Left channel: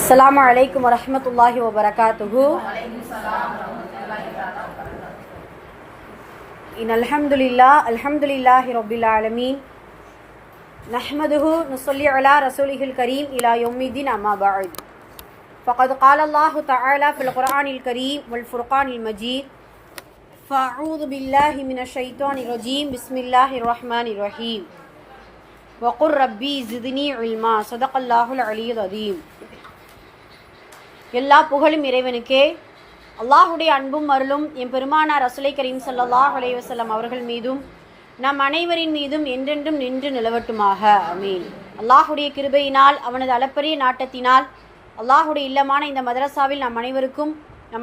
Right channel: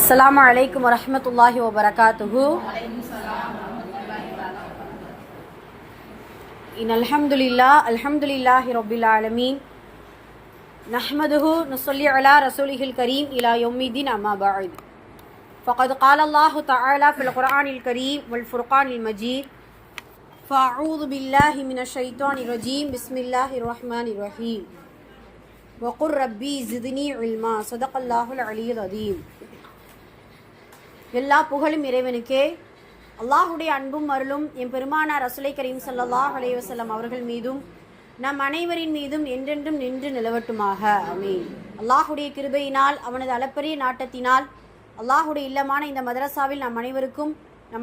அஸ்ஸலாமு அலைக்கும் வரஹ்மத்துல்லாஹி வபரகாத்துஹு. அல்ஹம்துலில்லாஹி ரப்பில் ஆலமீன். நஹ்மதுஹு நுஸல்லி அலா ரசூலிஹில் கரீம் இலா யௌமிddin அம்மா பஅத். ஃபகத் قال الله تعالى في القرآن الكريم والفرقان المجيد. فأعوذ بالله من الشيطان الرجيم. بسم الله الرحمن الرحيم. وقل ربي زدني علما. صدق الله العلي العظيم. எல்லா புகழும் இறைவனுக்கே. அல்லாஹுடைய அன்பும் அருளும் என் பெருமானார் ரசூலை கரீம் ஸல்லல்லாஹு அலைஹி வஸல்லம் அவர்கள் மீதும் நம் அனைவரின் மீதும் என்றென்றும் நின்று நிலவட்டுமாக. ஆமீன். அல்லாஹுடைய கிருபையினால் அவனது அளப்பரிய நாட்டத்தினால் அல்லாஹுடைய இல்லமான இந்த மதரசாவில் நம்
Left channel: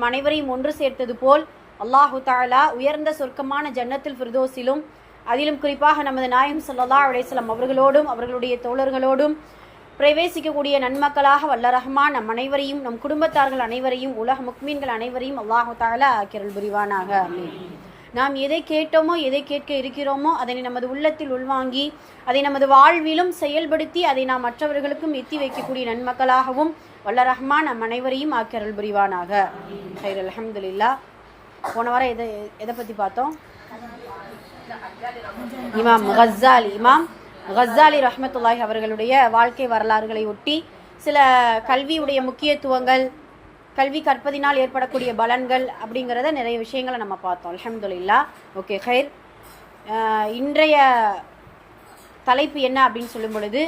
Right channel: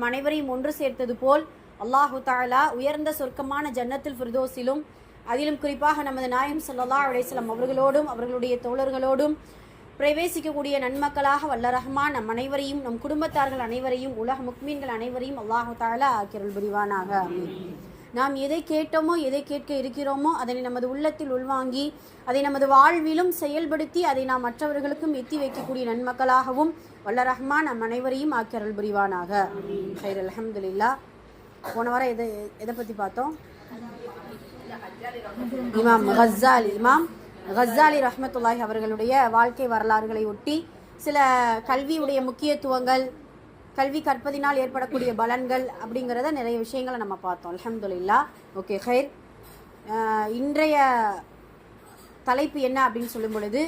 அனைவரையும் ஒன்று சேர்த்தது போல் அல்லாஹு தஆலா உயர்ந்த சொர்க்கமான ஜன்னத்துல் ஃபிர்தௌஸிலும் அதிலும் குறிப்பாக நமது நாயகம் ஸல்லல்லாஹு அலைஹி வஸல்லம் அவர்களோடும் அவர்களுடைய தோழர்களோடும் பிரவேசிக்கக்கூடிய நன்மக்களாக வல்ல ரஹ்மான் நம் அனைவரையும் நம் குடும்பத்தார்கள் அனைவரையும் உலக முக்மீன்கள் அனைவரையும் அல்லாஹு தஆலா ஆக்கியருள் புரிவானாக. ஆமீன். நாம் எதை கேட்டோமோ எதை கேட்க இருக்கிறோமோ அதனை நமது உள்ளத்தில் உள்வாங்கி அதை நமது வாழ்விலும் செயல்படுத்தி அதை நாம் மற்றவர்களுக்கும் எத்தி வைக்கக்கூடிய நன்மக்களாகவும் வல்ல ரஹ்மான் நம் அனைவரையும் ஆக்கியருள் புரிவானாக. ஹைர் அல்ஹம்துலில்லாஹ். போன வாரம் எதை பற்றி பார்த்தோம்? இமாம் கஸ்ஸாலி ரஹ்மத்துல்லாஹி அவர்களுடைய வாழ்க்கை வரலாறுகளை ஒட்டி சில கல்வியுடைய முக்கியத்துவங்கள், கல்வி கற்பதினால் ஏற்படக்கூடிய பலன்கள் அப்படிங்கிறத நிறைய விஷயங்களை நம்ம பார்த்தோம். அல்ஹம்துலில்லாஹ். ஓகே ஹைர். இன்றைய தலைப்பு என்ன அப்படின்னு சொல்லும் பொழுது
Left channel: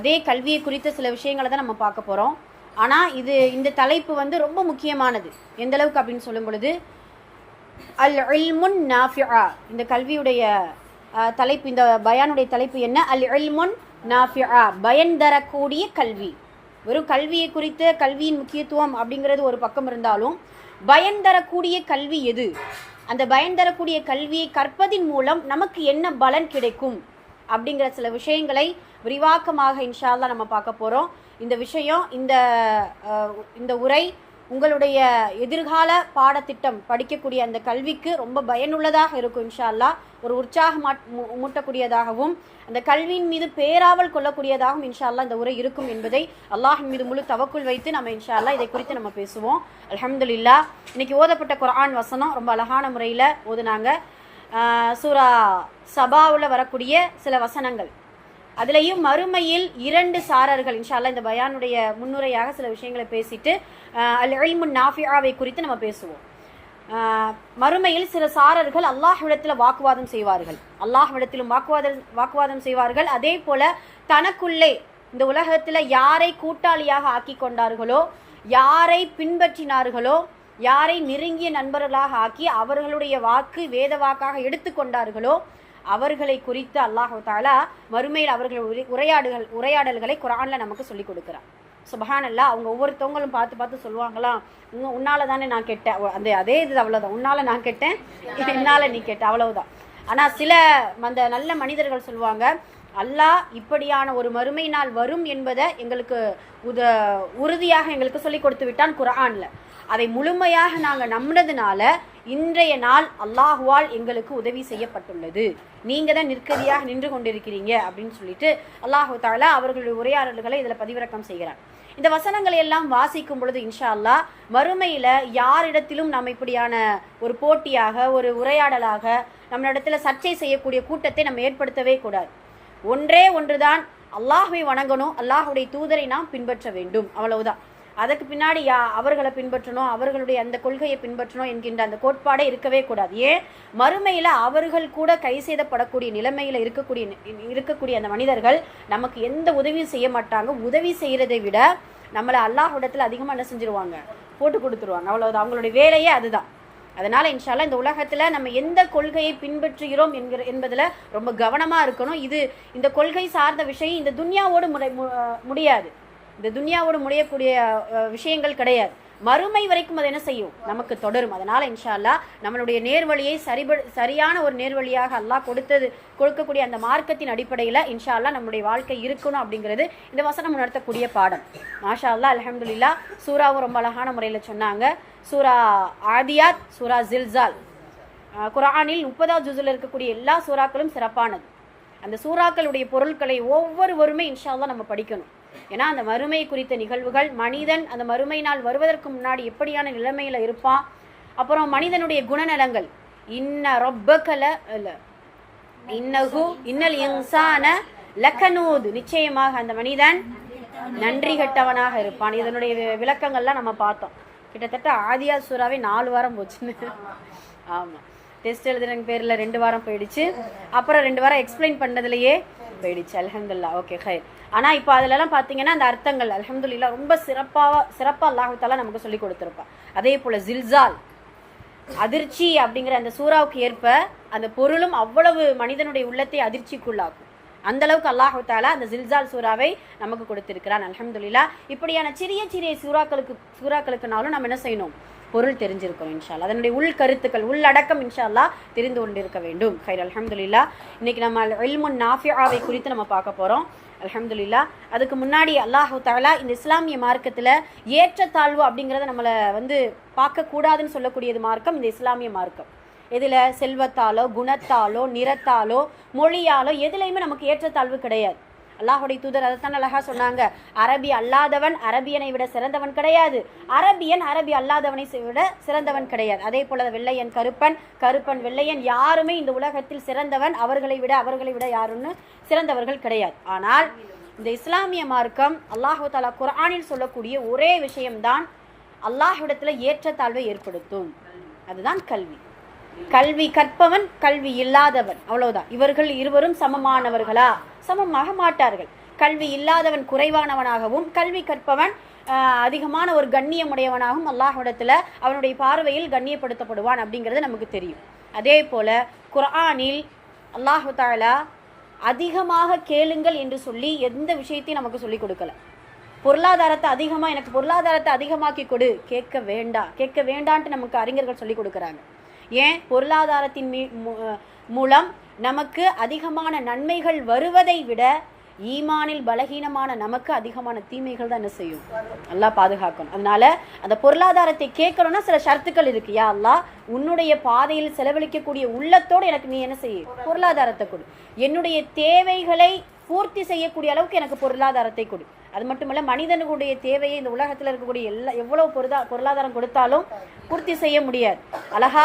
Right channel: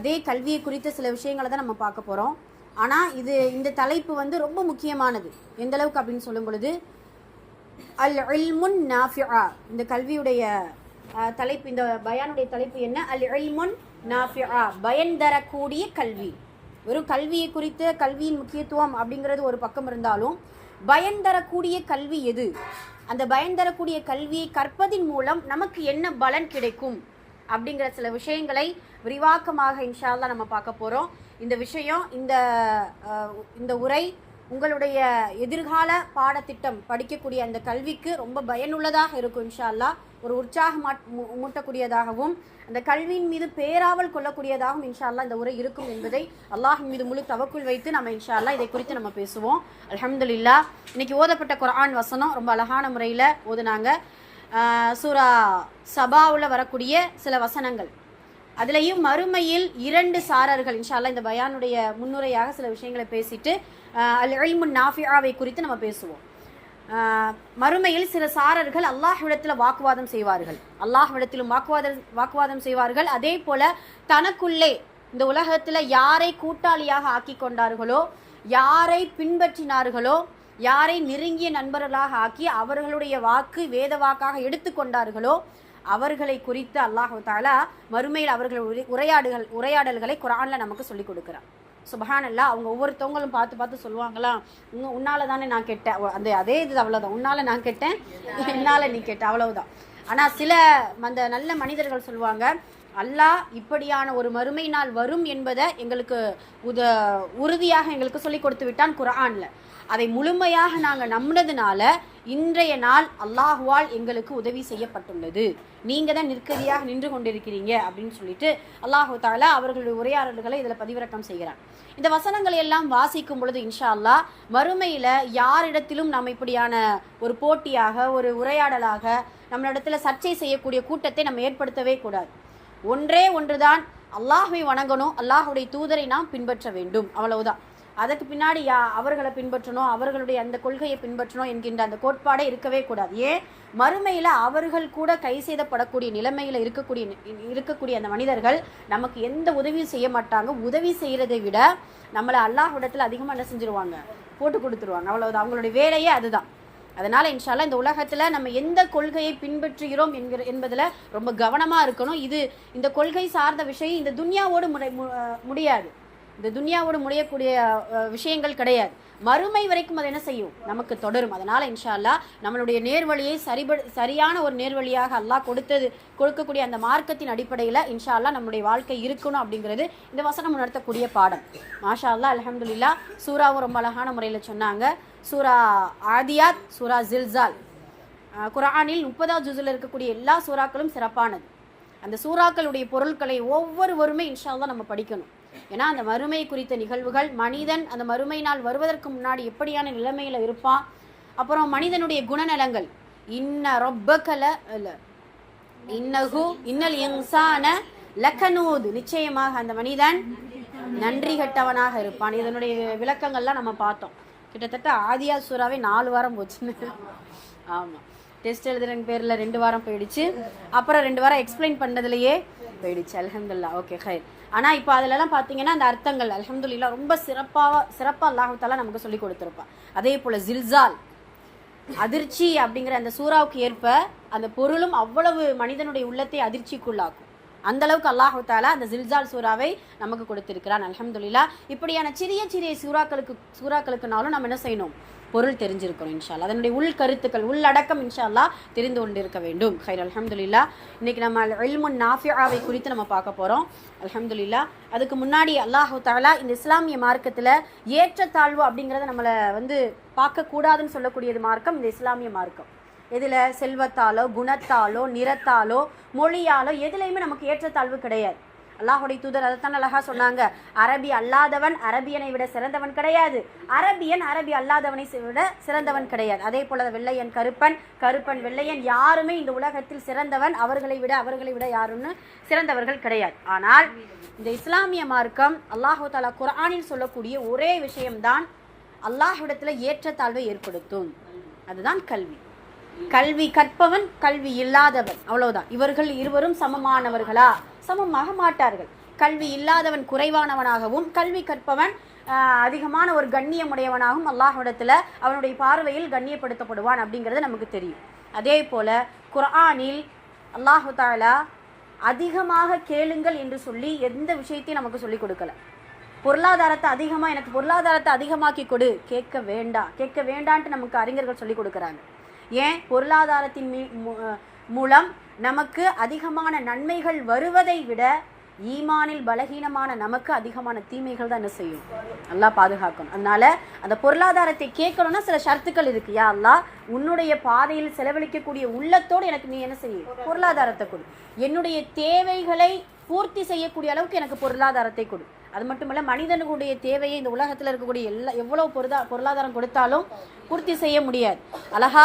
அதே கல்வியை குறித்த சில விஷயங்களை தான் நம்ம பார்க்க போகிறோம். ஆனால் இந்த தலைப்பு ரொம்ப முக்கியமானது. எந்த அளவுக்கு அப்படின்னு சொல்லும் பொழுது அல் இல்முன் நாஃபிஆ, இந்த கல்வியுடைய தலைப்பு, இந்த பயானுடைய தலைப்பு என்ன? அல் இல்முன் நாஃபிஆ, பயன் தரக்கூடிய கல்வி. வெறும் கல்வியை குறித்து கல்வியின் முக்கியத்துவம் அப்படிங்கிறது ஒரு பக்கம் இருந்தாலும் பயன் தரக்கூடிய கல்வி எது, அந்த பயன் தரக்கூடிய கல்வியை கற்பதின் மூலம் நமக்கு என்ன பலன் கிடைக்கும் அப்படிங்கிற சில விஷயங்களை விரிவாக்கமாக இன்ஷா அல்லாஹ் நம்ம பார்க்க போகிறோம். இந்த விஷயம், இந்த உரை உங்களுடைய எதிர்கால பாடத்திட்டம் படிக்கக்கூடிய அந்த கல்விக்கு ரொம்ப பயனுள்ளதாக இருக்கும் இன்ஷா அல்லாஹ். ஒரு உற்சாகம் மூட்டக்கூடியதாகவும் அந்த கல்வியின் மீது பேராவல் கொள்ளக்கூடியதாகவும் இன்ஷா அல்லாஹ் இந்த உரை இருக்கும் என்பதை அல்லாஹின் மீது முழு தவக்குள் வைத்து நம்ம இன்ஷா அல்லாஹ் இதை குறித்து நம்ம பேசுவோம். அல்ஹம்துலில்லாஹ். இன்னைக்கு ஓதப்பட்ட குர்ஆன் வசனம் ரொம்ப அழகான முறையில் ஓதுனாங்க. சூரா சபாவில் வரக்கூடிய சில வசனங்கள், அதுலேயும் மறுமையில் 2 சாரர்கள். இன்ஷா அல்லாஹ் இந்த பயானுடைய முன்னுரையாக சில விஷயங்களை பேசிட்டு அல் இல்முன் நாஃபிஆவை குறித்து நம்ம பேசுவோம். மறுமையில் சில சாரர்கள் அல்லாஹ்விடத்தில் வாக்குவாதம் செய்வார்கள். அதே போல தனக்குள்ளே இந்த உலகத்தில் யாரை கூட்டாளியாக ஆக்கி கொண்டார்களோ, யாரை பின்பற்றினார்களோ, யாரை நெருங்கிய நண்பர்களாக ஆக்கி அவர்களுடைய வாக்கு வேத வாக்காக எடுத்துக்கொண்டார்களோ அவர்களை குறித்து அல்லாஹ் தஆலா மறுமையில் அவர்கள் உரையாடல்களை குர்ஆன்ல நமக்கு சொல்லிக் கொடுக்கிறார். சுப்ஹானல்லாஹ். அவங்க ஒவ்வொருத்தவங்களும் பார்த்து சொல்லுவாங்களா, உன்னால தானே நான் கெட்டேன், அதே இது அவ்வளோதான், உன்னால நான் கெட்டேன், என்னால நீ கெட்ட, அவ்வளவுதான். ஆனால் சில அந்த நல்ல மனிதர்கள் சொல்லுவாங்க, அல்லாஹ் இப்படியான ஒரு மறுமை நாள் வரும் என்பதை எங்களுக்கு உறுதியாக எங்களுக்கு சொல்லி கொடுத்து விட்டான் குர்ஆன்ல. அதை முழுமையாக நாங்கள் நம்பினதுனால இன்றைய நாள் அல்லாஹுவால் எங்களுக்கு உதவி செய்யப்பட்டுள்ளது, நீங்கள் தான் நிற்கதியாக நின்று கொண்டிருக்கிறீங்க அப்படின்னு சொல்லிட்டு அல்லாஹு தஆலா அவர்களுடைய உரையாடல்களை இதில் பதிவிறக்கம் செய்கிறார். இந்த வசனங்களை எல்லாம் வாசிக்கும் பொழுது இன்ஷா அல்லாஹ் மறுமையில் யாரிடத்திலும் நம்ம இப்படியான ஒரு போட்டியாக, ஒரு உரையாடலாக, நம்மளிடத்துல சர்ச்சை செய்யக்கூடிய கூட்டத்தை நம்ம ஏற்படுத்தவே கூடாது. ஒன்றே ஒன்றுதான், அல்லாஹ்வை வணங்கணும், அல்லாஹுடைய தூதரை நாம் பின்பற்ற வேண்டும், அவ்வளவுதான். அதுக்கு பின்னாடி அவர்களை பின்பற்றணும், அவர்களுடைய அந்த கொள்கையை பின்பற்றணும் என்கின்ற அந்த கோட்பாடே இருக்கவே கூடாது. ஏன்? மறுமையில் அவர்கள் கூட கை செய்தப்படக்கூடிய நிலைமையில் இருக்கக்கூடிய அந்த மனிதர்கள் நமக்கு எந்த உதவியும் செய்ய மாட்டாங்க. உதவி செய்யறதை விட நம்மளை அல்லாஹ்விடத்தில் அதிகமாக என்ன செஞ்சிருவாங்க, போட்டு கொடுத்துருவாங்க, அவ்வளவுதான். அவங்களுடைய வேலையே அதுதான். அதனால இன்ஷா அல்லாஹ் இந்த உலகத்துல நம்ம எந்த கொள்கையை பின்பற்றுகிறோம் என்பதுல ரொம்ப கவனமா இருக்கணும். இந்த கொள்கை சார்ந்த விஷயம் இந்த துன்யாவோடு முடியாது, இந்த துன்யாவோடு முடியக்கூடிய விஷயங்கள் கிடையாது. மறுமை வரைக்கும் அது என்ன செய்யும், நமக்கு தொடரும். அதனால இன்ஷா அல்லாஹ் நம்மளுடைய நேர்வழியை சரியான ஒரு நேர்வழியாக அல்லாஹ் கொடுக்கக்கூடிய அந்த மார்க்கத்தின் அடிப்படையில் இன்ஷா அல்லாஹ் நம்முடைய வாழ்க்கை இருக்கணும் அப்படிங்கிறது இந்த வசனம் உணர்த்தக்கூடிய பாடம். மாஷா அல்லாஹ். அல்ஹம்துலில்லாஹ். சூராவும் ரொம்ப அழகான முறையில் சொன்னாங்க. சூரா ஆதியாத், சூரா ஜில்சால், குர்ஆனில் 30வது ஜுஸில் இருக்கக்கூடிய எல்லா சூறாக்களும் சிறப்பானது. அந்த சூறாக்களுடைய பொருட்களை ஒவ்வொருவருமே இன்ஷா அல்லாஹ் நம்ம படிக்கணும். ஏன்னா அந்த மறுமை குறித்த நிகழ்வுகள், மனிதன் அந்த மறுமை நாள் வருவதற்கு முன்னாடி எப்படியான நிலைமையில இருப்பான், அப்புறம் மனிதனுடைய குணநலங்கள், இன்னல் இன்சான லகனூத், நிச்சயமாக அந்த மனிதன் நன்றி கெட்டவனாக இருப்பான். இதனுடைய விளக்கங்கள்லாம் நம்ம பார்த்தோம். கிட்டத்தட்ட ஆதியா சூறாவே 4 வாரம் போச்சுன்னு. ஆமாம், டெஸ்ட் எழுதுற பேரில் 2 வாரம் போயிடுச்சு, அப்புறம் 2 வாரம் எக்ஸ்பிளைன் பண்ணதுலையே போயிடுச்சு. அல்ஹம்துலில்லாஹ். ஓகே ஹைர். ஆனால் இப்போ அதிலெல்லாம் பார்த்தீங்கன்னா அந்த அர்த்தங்கள் அல்ஹம்துலில்லாஹ் ரொம்ப சிறப்பாக அல்லாஹ் தஆலா நமக்கு சொல்லி கொடுத்துருப்பான். அதே போல் ஜில்சால், அதிர்ச்சி அப்படிங்கிற அந்த சூறாவுக்கு ஏற்ப அந்த பொருளும் அவ்வளவு மனிதனுடைய உள்ளத்தை அதிர்ச்சிக்குள்ளாக்கும். அந்த அளவுக்கு அல்லாஹ் தஆலா அந்த ஜில்சால் சூறாவை நமக்கு கொடுத்திருக்கிறான். அல்ஹம்துலில்லாஹ். இப்படியான சிறிய சிறிய சூறாக்களுக்குனாலும் நம்ம என்ன செய்யணும், பொருள் தெரிஞ்சிருக்கணும் இன்ஷா அல்லாஹ். அதனுடைய உள் கருத்துக்கள், உள்ளடக்கம் இன்ஷா அல்லாஹ் தெரிந்து கொண்டிருக்க வேண்டும். ஹைர். அல்ஹம்துலில்லாஹ். இன்னைக்கு நம்ம இல்முன் நாஃபிஆவை குறித்து நம்ம பார்க்க போறோம். அல்ஹம்துலில்லாஹ். அதுக்கு முன்னாடி அல்லாஹ் தஆலா இந்த இஸ்லாமிய மார்க்கத்தில் ஏற்றத்தாழ்வு அப்படிங்கிறத நம்மளை பார்க்க கூடாதுன்னு சொல்லக்கூடியது மார்க்கம் இந்த இஸ்லாமிய மார்க்கம். இதில் செல்வத்தாலோ குணத்தாலோ நிறத்தாலோ மொழியாலோ எதுலையுமே நமக்கு ஏற்றத்தாழ்வு கிடையாது. அல்லாஹுடைய தூதர் அதைத்தான் அழகா சொன்னாங்க, அரபி அல்லாதவன் அரபியனை விட சிறந்தவன் கிடையாது, அரபியன் அரபி அல்லாதவனை விட சிறந்தவன் கிடையாது. அதே போல வெள்ளையன் கருப்பன், கருப்பன் வெள்ளையன், யாருமே இந்த உலகத்தில் சிறந்தவன் அவர்களை விட யாருன்னு சிறந்தவர்கள் கிடையாது. ஆனால் இந்த இஸ்லாமிய மார்க்கம் அல்லாஹு தஆலா குர்ஆனில் சொல்லக்கூடிய ஒரே விஷயம்தான் அல்லாஹ்விடத்தில் ஏற்றத்தாழ்வை ஏற்படுத்தும். அதுதான் கல்வி. கல்வி கற்பவன் கல்வி இல்லாதவன், அவ்வளவுதான். இவர்கள் இருவரும் சமமானவர்களா? சமமாக மாட்டார்கள். கல்வி இல்லாதவன் குறைவானவனாகவும் கல்வி கற்பவன் அதிகமான ஒரு கண்ணியமுடையவனாகவும் அல்லாஹ்விடத்தில் அவனுடைய பார்வையில் கண்ணியப்படுத்தப்படுவான் அப்படிங்கிறது நமக்கு தெரியும். அதே போல குர்ஆனில் அல்லாஹு தஆலா அதிகமாக கேளுங்கள் என்று சொல்லி எந்த விஷயத்தையும் நமக்கு சொல்லிக் கொடுக்கல. எனக்கு பொருளாதாரத்தை அதிகமாக்கி கொடு, கேட்க வேண்டான்ட்டு நமக்கு அறிஞர்கள் சொல்லிக் கொடுக்குறாங்க. ஏன்? பொருளாதாரத்தின் மூலம் நமக்கு அதிகமான நன்மைகள் வருவதை விட ஈமானில் பலகீனமான நமக்கு அதிகமான தீமைகள் தான் என்ன செய்யும், அல்லாஹ் பாதுகாக்கணும். அதனால அந்த பொருளாதாரத்தை கேட்கணும்னா சில ஷரத்துக்கள் இருக்கு. யா அல்லாஹ், உன்னுடைய பாதையில் செலவழிக்கக்கூடிய உள்ளத்தோடு எனக்கு நீ என்ன செய்ய, பொருளாதாரத்தை கொடு. என்னுடைய தேவைகளை பூர்த்தி செய்யக்கூடிய அளவுக்கு எனக்கு பொருளாதாரத்தை கொடு. அது மட்டுமல்ல, மனிதனுடைய தேவையை இந்த உலகத்தில் இருக்கக்கூடிய எவ்வளவு பொருளாதாரம் கொடுத்தாலும் பூர்த்தி செய்ய முடியாது. அழகா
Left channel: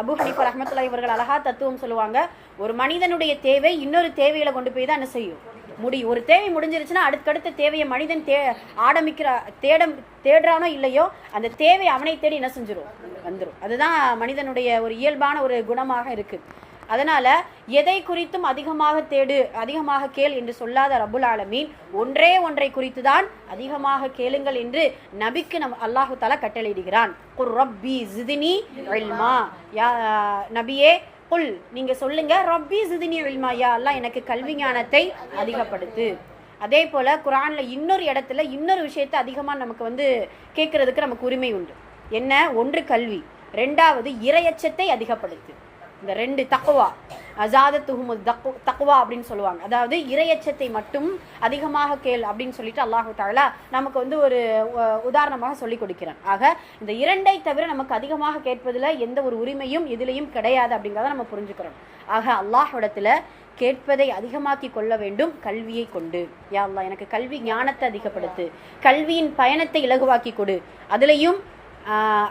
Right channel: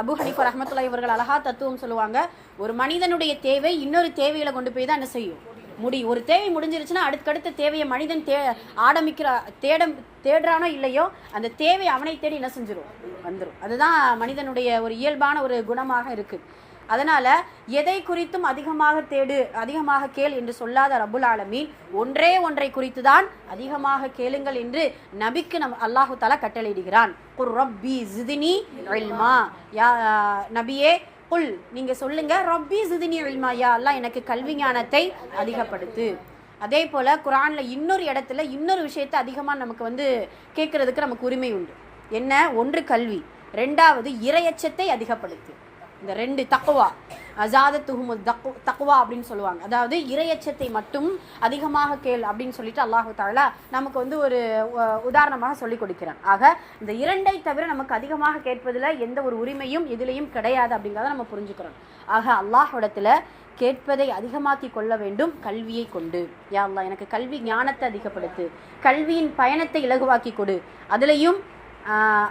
அபு ஹனீஃபா ரஹ்மத்துல்லாஹி இவர்கள் அழகா தத்துவம் சொல்லுவாங்க, ஒரு மனிதனுடைய தேவை இன்னொரு தேவையில கொண்டு போய் தான் என்ன செய்யும் முடியும். ஒரு தேவை முடிஞ்சிருச்சுன்னா அடுத்தடுத்த தேவையை மனிதன் தேடுறானோ இல்லையோ அந்த தேவை அவனை தேடி என்ன செஞ்சிடும், வந்துடும். அதுதான் மனிதனுடைய ஒரு இயல்பான ஒரு குணமாக இருக்கு. அதனால எதை குறித்தும் அதிகமாக கேள் என்று சொல்லாத ரப்புல் ஆலமீன் ஒன்றை குறித்து தான் அதிகமாக கேளுங்கள் என்று நபிக்கு அல்லாஹு தஆலா கட்டளையிடுகிறான். குர் ரப்பி ஜித்னி இல்மா, யா நபியே குல், நீங்க சொல்லுங்க, ரப்பி ஜித்னி இல்மா, யா அல்லாஹ் எனக்கு கல்வி ஞானத்தை அதிகப்படுத்து. அதே போல குர்ஆன்ல இன்னொரு இடத்துல இன்னொரு விஷயத்தை அதிகமாக நமக்கு கேட்கறதுக்கு நமக்கு உரிமை உண்டு. என்ன? ஒன்று கல்வி, 2வது இறையச்சத்தை அதிகப்படுத்து. இந்த 2 தக்வா, அஸாதத்துஹும் தக்வா அப்படின்னு சொல்லுவாங்க. அதாவது இறையச்சத்தை மட்டும் அதிகமாக கேள் அப்படின்னு சொல்லிட்டு அல்லாஹு தஆலா நமக்கு ஒரு உதாரணமாக சொல்லி கொடுக்கிறான். ஆக இந்த 2ஐ தவிர நமக்கு அதிகமாக கேட்பதில் எந்த ஒரு உரிமையும் எதிலையும் கிடையாது அப்படிங்கிறத நம்ம புரிஞ்சுக்கிறோம். ஆக அல்லாஹ்விடத்துல கேட்பதை அதிகமாக்கி கொள்ள வேண்டும் கல்வியை கொண்டு. யா அல்லாஹ், எனக்கு கல்வி ஞானத்தை அதிகப்படுத்து, கல்வியின் பயணத்தை இலகுவாக்கி கொடு. அதுலேயும்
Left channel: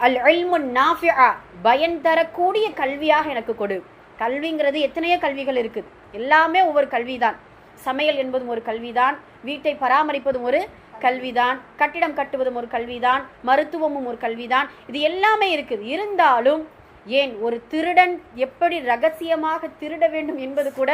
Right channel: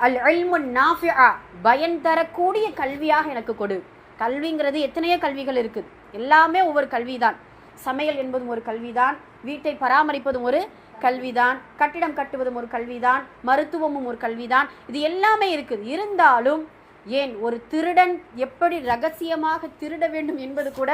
அல் இல்முன் நாஃபிஆ, பயன் தரக்கூடிய கல்வியாக எனக்கு கொடு. கல்விங்கிறது எத்தனையோ கல்விகள் இருக்குது, எல்லாமே ஒவ்வொரு கல்விதான். சமையல் என்பதும் ஒரு கல்விதான், வீட்டை பராமரிப்பதும் ஒரு கல்விதான், கட்டிடம் கட்டுவதும் ஒரு கல்விதான், மருத்துவமும் ஒரு கல்விதான். இது எல்லாமே இருக்குது. இருந்தாலும் ஏன் ஒரு திருடன் எப்படி ரகசியமாக திருட வேண்டும் என்பது கூட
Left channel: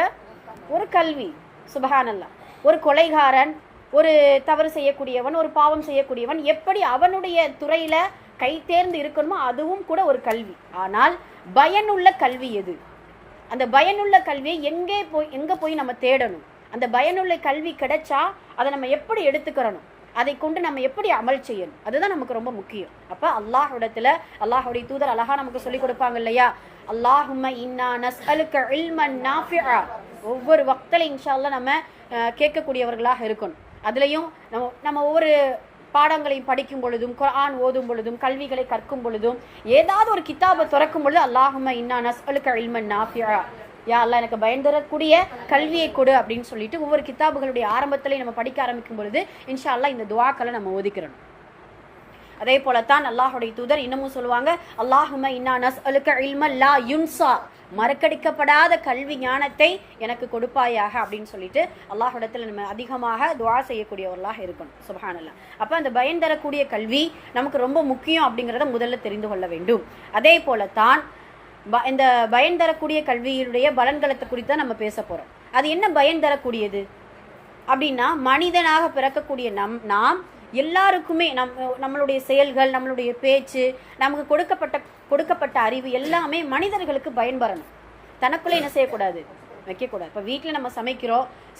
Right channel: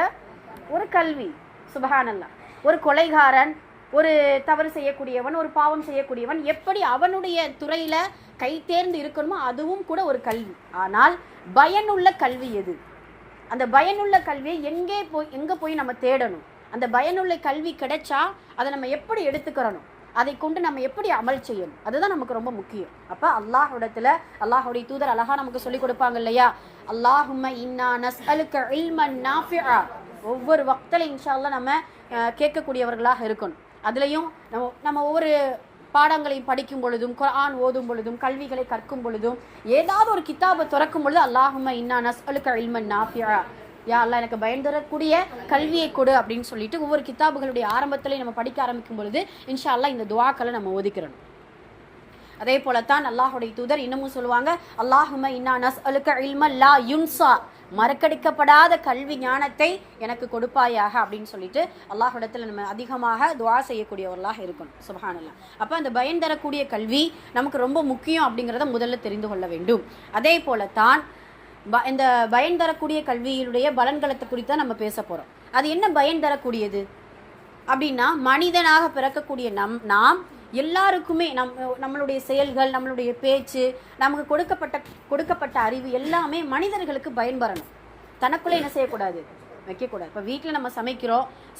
ஒரு கல்வி. சுப்ஹானல்லாஹ். ஒரு கொலைகாரன், ஒரு தவறு செய்யக்கூடியவன், ஒரு பாவம் செய்யக்கூடியவன் எப்படி அவனுடைய துறையில கை தேர்ந்து இருக்கணுமோ அதுவும் கூட ஒரு கல்வி. ஆனால் பயனுள்ள கல்வி எது? அந்த பயனுள்ள கல்வியை எங்க போய் நம்ம தேடணும்? அந்த பயனுள்ள கல்வி கிடைச்சா அதை நம்ம எப்படி எடுத்துக்கிறணும், அதை கொண்டு நம்ம எப்படி அமல் செய்யணும், அதுதான் நமக்கு ரொம்ப முக்கியம். அப்ப அல்லாஹ்வுடைய தூதர் அழகா நமக்கு சொல்லி கொடுப்பாங்க இல்லையா, அல்லாஹும்ம இன்னா நஸ்அலுக இல்மன் நாஃபிஆ. ஒவ்வொரு வக்தில இன்ஷா அல்லாஹ் நம்ம கேட்கக்கூடியவர்களாக இருக்கணும். அதுலயும் நம்ம ஒவ்வொரு பாடங்களையும் படிக்கும் பொழுதும், குர்ஆன் ஓதும் பொழுதும், கல்விகளை கற்கும் பொழுதும், ஏதாவது ஒரு கிதாபை திறக்கும் பொழுது அல்லாஹும்ம இன்னா நஸ்அலுக இல்மன் நாஃபிஆ, யா அல்லாஹ் எனக்கு பயன் தரக்கூடிய கல்வியை கொடு அப்படின்னு சொல்லிட்டு ஒவ்வொரு கிதாபுகளுடைய ஆரம்பத்திலையும் நம்ம படிக்க ஆரம்பிக்கும் பொழுது இன்ஷா அல்லாஹ் இந்த துஆக்களை நம்ம ஓதிக்கிறோம். அதே போலத்தான் அல்லாஹுடைய தூதர் இன்னமும் சொல்லுவாங்க, அல்லாஹும்ம இன்னா நஸ்அலுக இல்மன் லா யுன்ஸா, மறக்கடிக்கப்படாத கல்வி ஞானத்தை எனக்கு கொடுப்பாயாக அப்படின்னு சொல்லிட்டு அல்லாஹ்விடத்தில் நம்ம அதிகமாக துஆ செய்யக்கூடியவர்களாக இருக்கணும். சுப்ஹானல்லாஹ். அப்போ அந்த பயன் தரக்கூடிய கல்வி நமக்கு ரொம்ப முக்கியம் அப்படிங்கிறத முதல்ல தெரிந்து கொள்ள வேண்டும். அதே போலத்தான் இந்த பயன் தரக்கூடிய கல்வியுடைய பலன்களத்தை குறித்து நம்ம பேச போகிறோம். அது என்ன பயன் தரக்கூடியது அப்படின்னா, மனிதனாக பிறக்கக்கூடிய நாம் எல்லாருக்குமே நம்மளுடைய செயல்கள், நம்மளுடைய பேச்சு, நமக்கு கொடுக்கப்பட்ட அறிவு எல்லாமே மனிதர்களுக்கு பயன்பெறணும். தனக்குள்ளே என்ன செய்யக்கூடாது, வைக்கக்கூடாது. இப்போ வீட்டில் நம்ம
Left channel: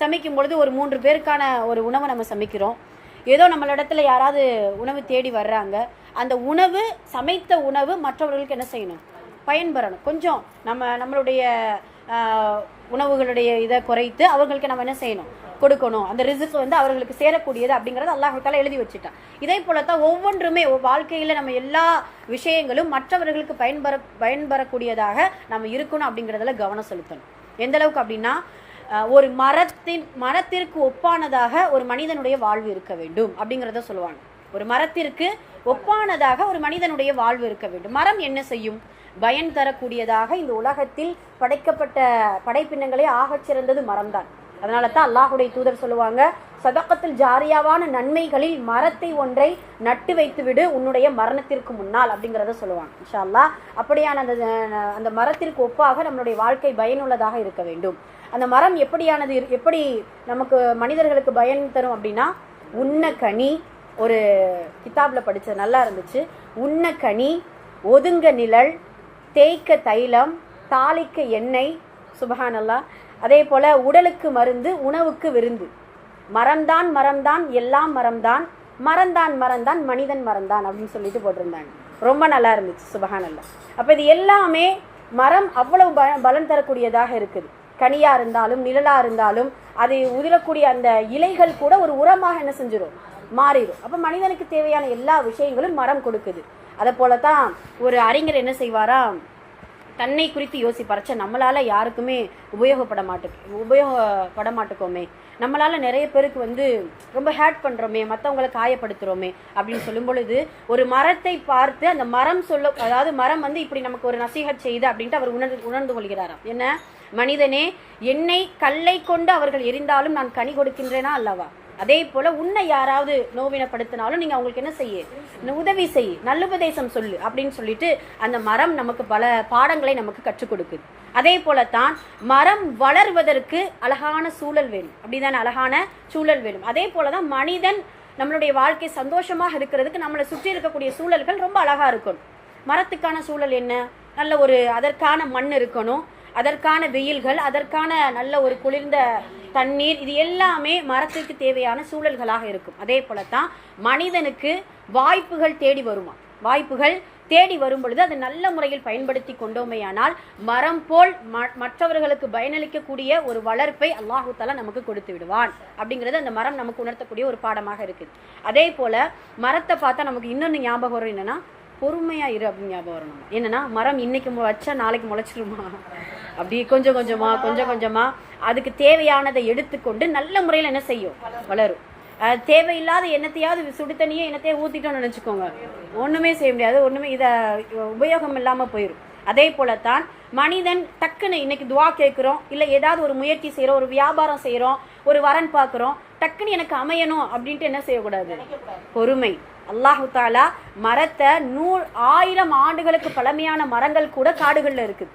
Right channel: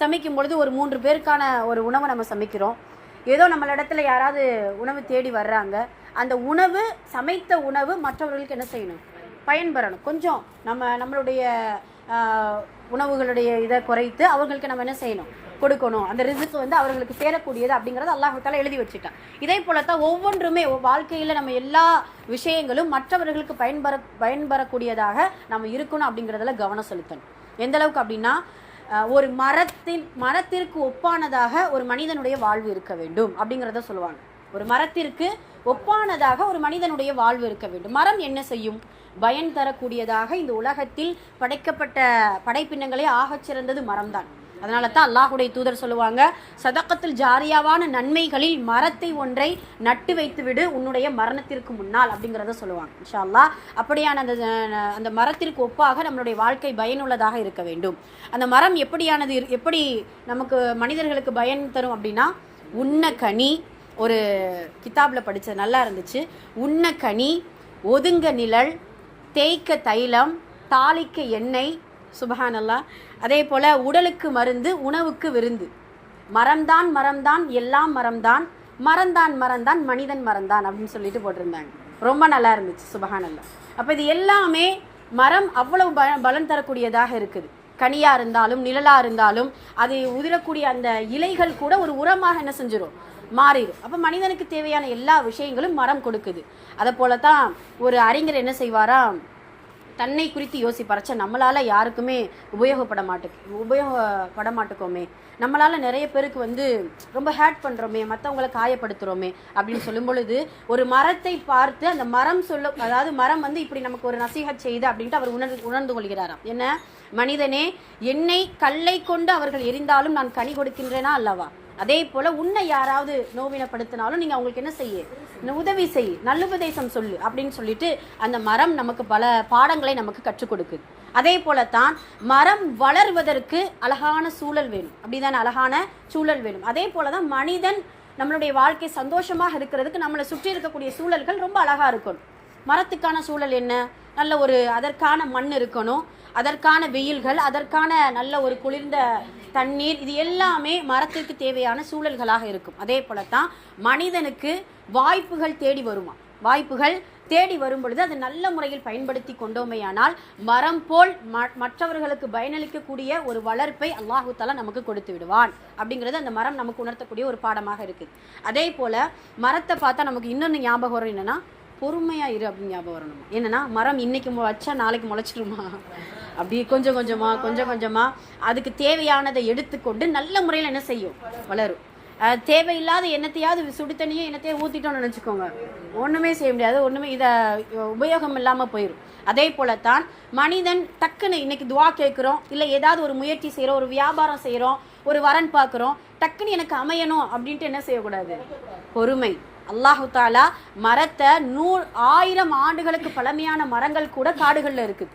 சமைக்கும் பொழுது ஒரு 3 பேருக்கான ஒரு உணவை நம்ம சமைக்கிறோம். ஏதோ நம்மளிடத்துல யாராவது உணவு தேடி வர்றாங்க, அந்த உணவு சமைத்த உணவு மற்றவர்களுக்கு என்ன செய்யணும், பயன்பெறணும். கொஞ்சம் நம்மளுடைய உணவுகளுடைய இதை குறைத்து அவர்களுக்கு நம்ம என்ன செய்யணும், கொடுக்கணும். அந்த ரிஸ்க் அவர்களுக்கு சேரக்கூடியது அப்படிங்கிறது அல்லாஹ் தஆலா எழுதி வச்சுட்டான். இதே போலத்தான் ஒவ்வொன்றுமே வாழ்க்கையில் நம்ம எல்லா விஷயங்களும் மற்றவர்களுக்கு பயன்பெறக்கூடியதாக நம்ம இருக்கணும் அப்படிங்கிறதுல கவனம் செலுத்தணும். எந்த அளவுக்கு அப்படின்னா, ஒரு மரத்திற்கு ஒப்பானதாக ஒரு மனிதனுடைய வாழ்வு இருக்க வேண்டும் அப்படிங்கிறத சொல்லுவாங்க. ஒரு மரத்திற்கு ஒப்பானதாக ஒரு மனிதனுடைய வாழ்வு இருக்க வேண்டும். மரம் என்ன செய்யும், பயன் தரக்கூடியதாக இந்த உலகத்தில் படைக்கப்பட்ட படைப்பினங்களே ஆகச் சிறந்தது மரம்தான். அதனால தான் அல்லாஹுடைய தூதர் சொல்லுவாங்க, சதக்கத்தில் ஜாரியாவான நன்மைகளில் மரத்தை ஒன்றை நட்டு வைத்து விடு உன்னுடைய மரணத்திற்கு முன்னால் அப்படிங்கிறத சொல்லுவாங்க. இன்ஷா அல்லாஹ் அப்படியான அந்த மரத்திற்கு ஒப்பாக நம்மளுடைய வாழ்க்கை பயனுள்ளதாக இருக்க வேண்டும். அந்த மரம் எப்படி நமக்கு மனிதர்களுக்கு பயன் தரும் அப்படின்னா, உண்ண கனி, ஒரு கிதாபில் படித்தது நல்லா இருந்துச்சு, உண்ண கனி, ஒதுங்க நிழல், தேய்க்க தைலம், தாளிக்க எண்ணெய், சுபஹானல்லாஹ். அதே போல் உடலுக்கு மருந்து, உணவுக்கு விருந்து. மரம்தான் எல்லாம் மரம்தான் மனிதன் மரம்தான் அப்படின்னு சொல்லிட்டு போட்டிருந்தாங்க. ரொம்ப நல்லா இருந்துச்சு, சுபஹானல்லாஹ். அப்போ இது எல்லாமே மரம் அவ்வளவு பலன் தரக்கூடியதாக இருக்குது. கனியாக இருந்தாலும் நிழலாக இருந்தாலும் அதை உதிரக்கூடிய அந்த இலைகள் கூட ஒரு உரமாக என்ன செஞ்சிடும், மாறிடும். அப்போ மனிதனுக்கு தேவையான எல்லா விஷயங்களும் மரம் கொடுக்குது. அதை போல தான் ஒரு அறிஞர் என்ன செய்வாரா, தன்னை குறித்து யோசிப்பார், நம்மளால் யாருக்குமே உபயோகப்பட மாட்டோமே, நம்மளால் நிறைய பேருக்கு ரொம்ப ஹேட் பண்ணுறோமே, மற்றவங்களை காயப்படுத்துகிறோமே அப்படின்னு சொல்லும் பொழுது ஒரு மரத்தை பார்த்து அந்த மரம் அதாவது மரம் இப்படி நமக்கு ஒரு நசீஹத் செய்யுது அப்படின்ட்டு அவர் உணர்ந்து கொள்கிறாராம். என்ன, மனிதனே, என்னை கல்லை கொண்டு அவர்கள் எரிந்தாலும் நான் கனி கொடுக்கின்றேனா அல்லவா, அதே போல உன்னை யாராவது நோவினப்படுத்தினாலும் நீங்க அவங்களுக்கு என்ன செய்ய, உதவி செய், நல்லுபதேசம் சொல்லு அப்படின்னு சொல்லிட்டு அந்த மரம் நமக்கு பல பாடங்களை நமக்கு கற்றுக் கொடுக்குது. அதே போலத்தான் மரம் வளர்வதற்கு அழகான சூழல் வேணும், அப்படிதானே, அழகான சூழல் வேணும். அதே போலதான் மனிதன் நம்மளுடைய வாழ்க்கை சந்தோஷமாக இருக்கிறதுக்கு நம்மளை சுற்றி இருக்கக்கூடிய சூழல்கள் ரொம்ப அழகா இருக்கணும். மரத்துக்கான சூழல் என்ன, நல்ல ஒரு அதற்கான மண் இருக்கணும், அதற்கான வெயில்கள், அதற்கான நல்ல ஒரு குளிர்ந்த தண்ணீர், இது எல்லாமே மரத்திற்கு தேவையான சூழல்களாக இருக்கும். அதே போலத்தான் மனிதனுக்கு வாய்ப்புகள் தேடி வரும் பொழுது அதை நல்ல முறையில் பயன்படுத்தி கொண்டோமேயானால் மரம் போல் மற்றவர்களுக்கு பயனளிக்கக்கூடிய ஒரு வளர்ப்பை அல்லாஹு தஆலா நமக்கு கொடுத்து விடுவான் அப்படிங்கிறது அந்த மரம் நமக்கு உணர்த்தக்கூடிய ஒரு பாடமாக இருக்குது. அதே போல மரத்தை பார்த்தா நமக்கு இன்னொன்று ஞாபகம் வரும், என்னன்னா பொறுமையா இரு அப்படின்னு ஞாபகம் வரணும். என்னன்னா மரம் இன்னைக்கு வச்சா நாளைக்கு முளைச்சிருமா, அப்படி கொஞ்சம் கொஞ்சமா அதுக்கு தேவையானதை எடுத்துக்கொண்டு நல்ல முறையில் என்ன செய்யும், வளரும். தேவையில்லாத என்னத்தையாவது சுடு தண்ணியே என்னத்தையே ஊற்றிட்டோம்னு நினச்சிக்கோங்க, ஒன்றுமே செய்ய முடியாது, இதை உபயோகம் இல்லாமல் போயிடும். அதே போலத்தான் மனிதன் டக்குன்னு இன்னைக்கு துவா கேட்குறோம், இல்லை ஏதாவது ஒரு முயற்சி செய்கிறோம், ஒரு வியாபாரம் செய்கிறோம், ஒரு வரன் பார்க்குறோம், டக்குன்னு எனக்கு அமையணும் அப்படின்ட்டு என்ன செய்யக்கூடாது, பொறுமை. அல்லாஹு தாலா மரத்தை 1000 ஆண்டுகளுக்கு பழமையான மரங்கள் கூட காடுகளில் இருக்குது.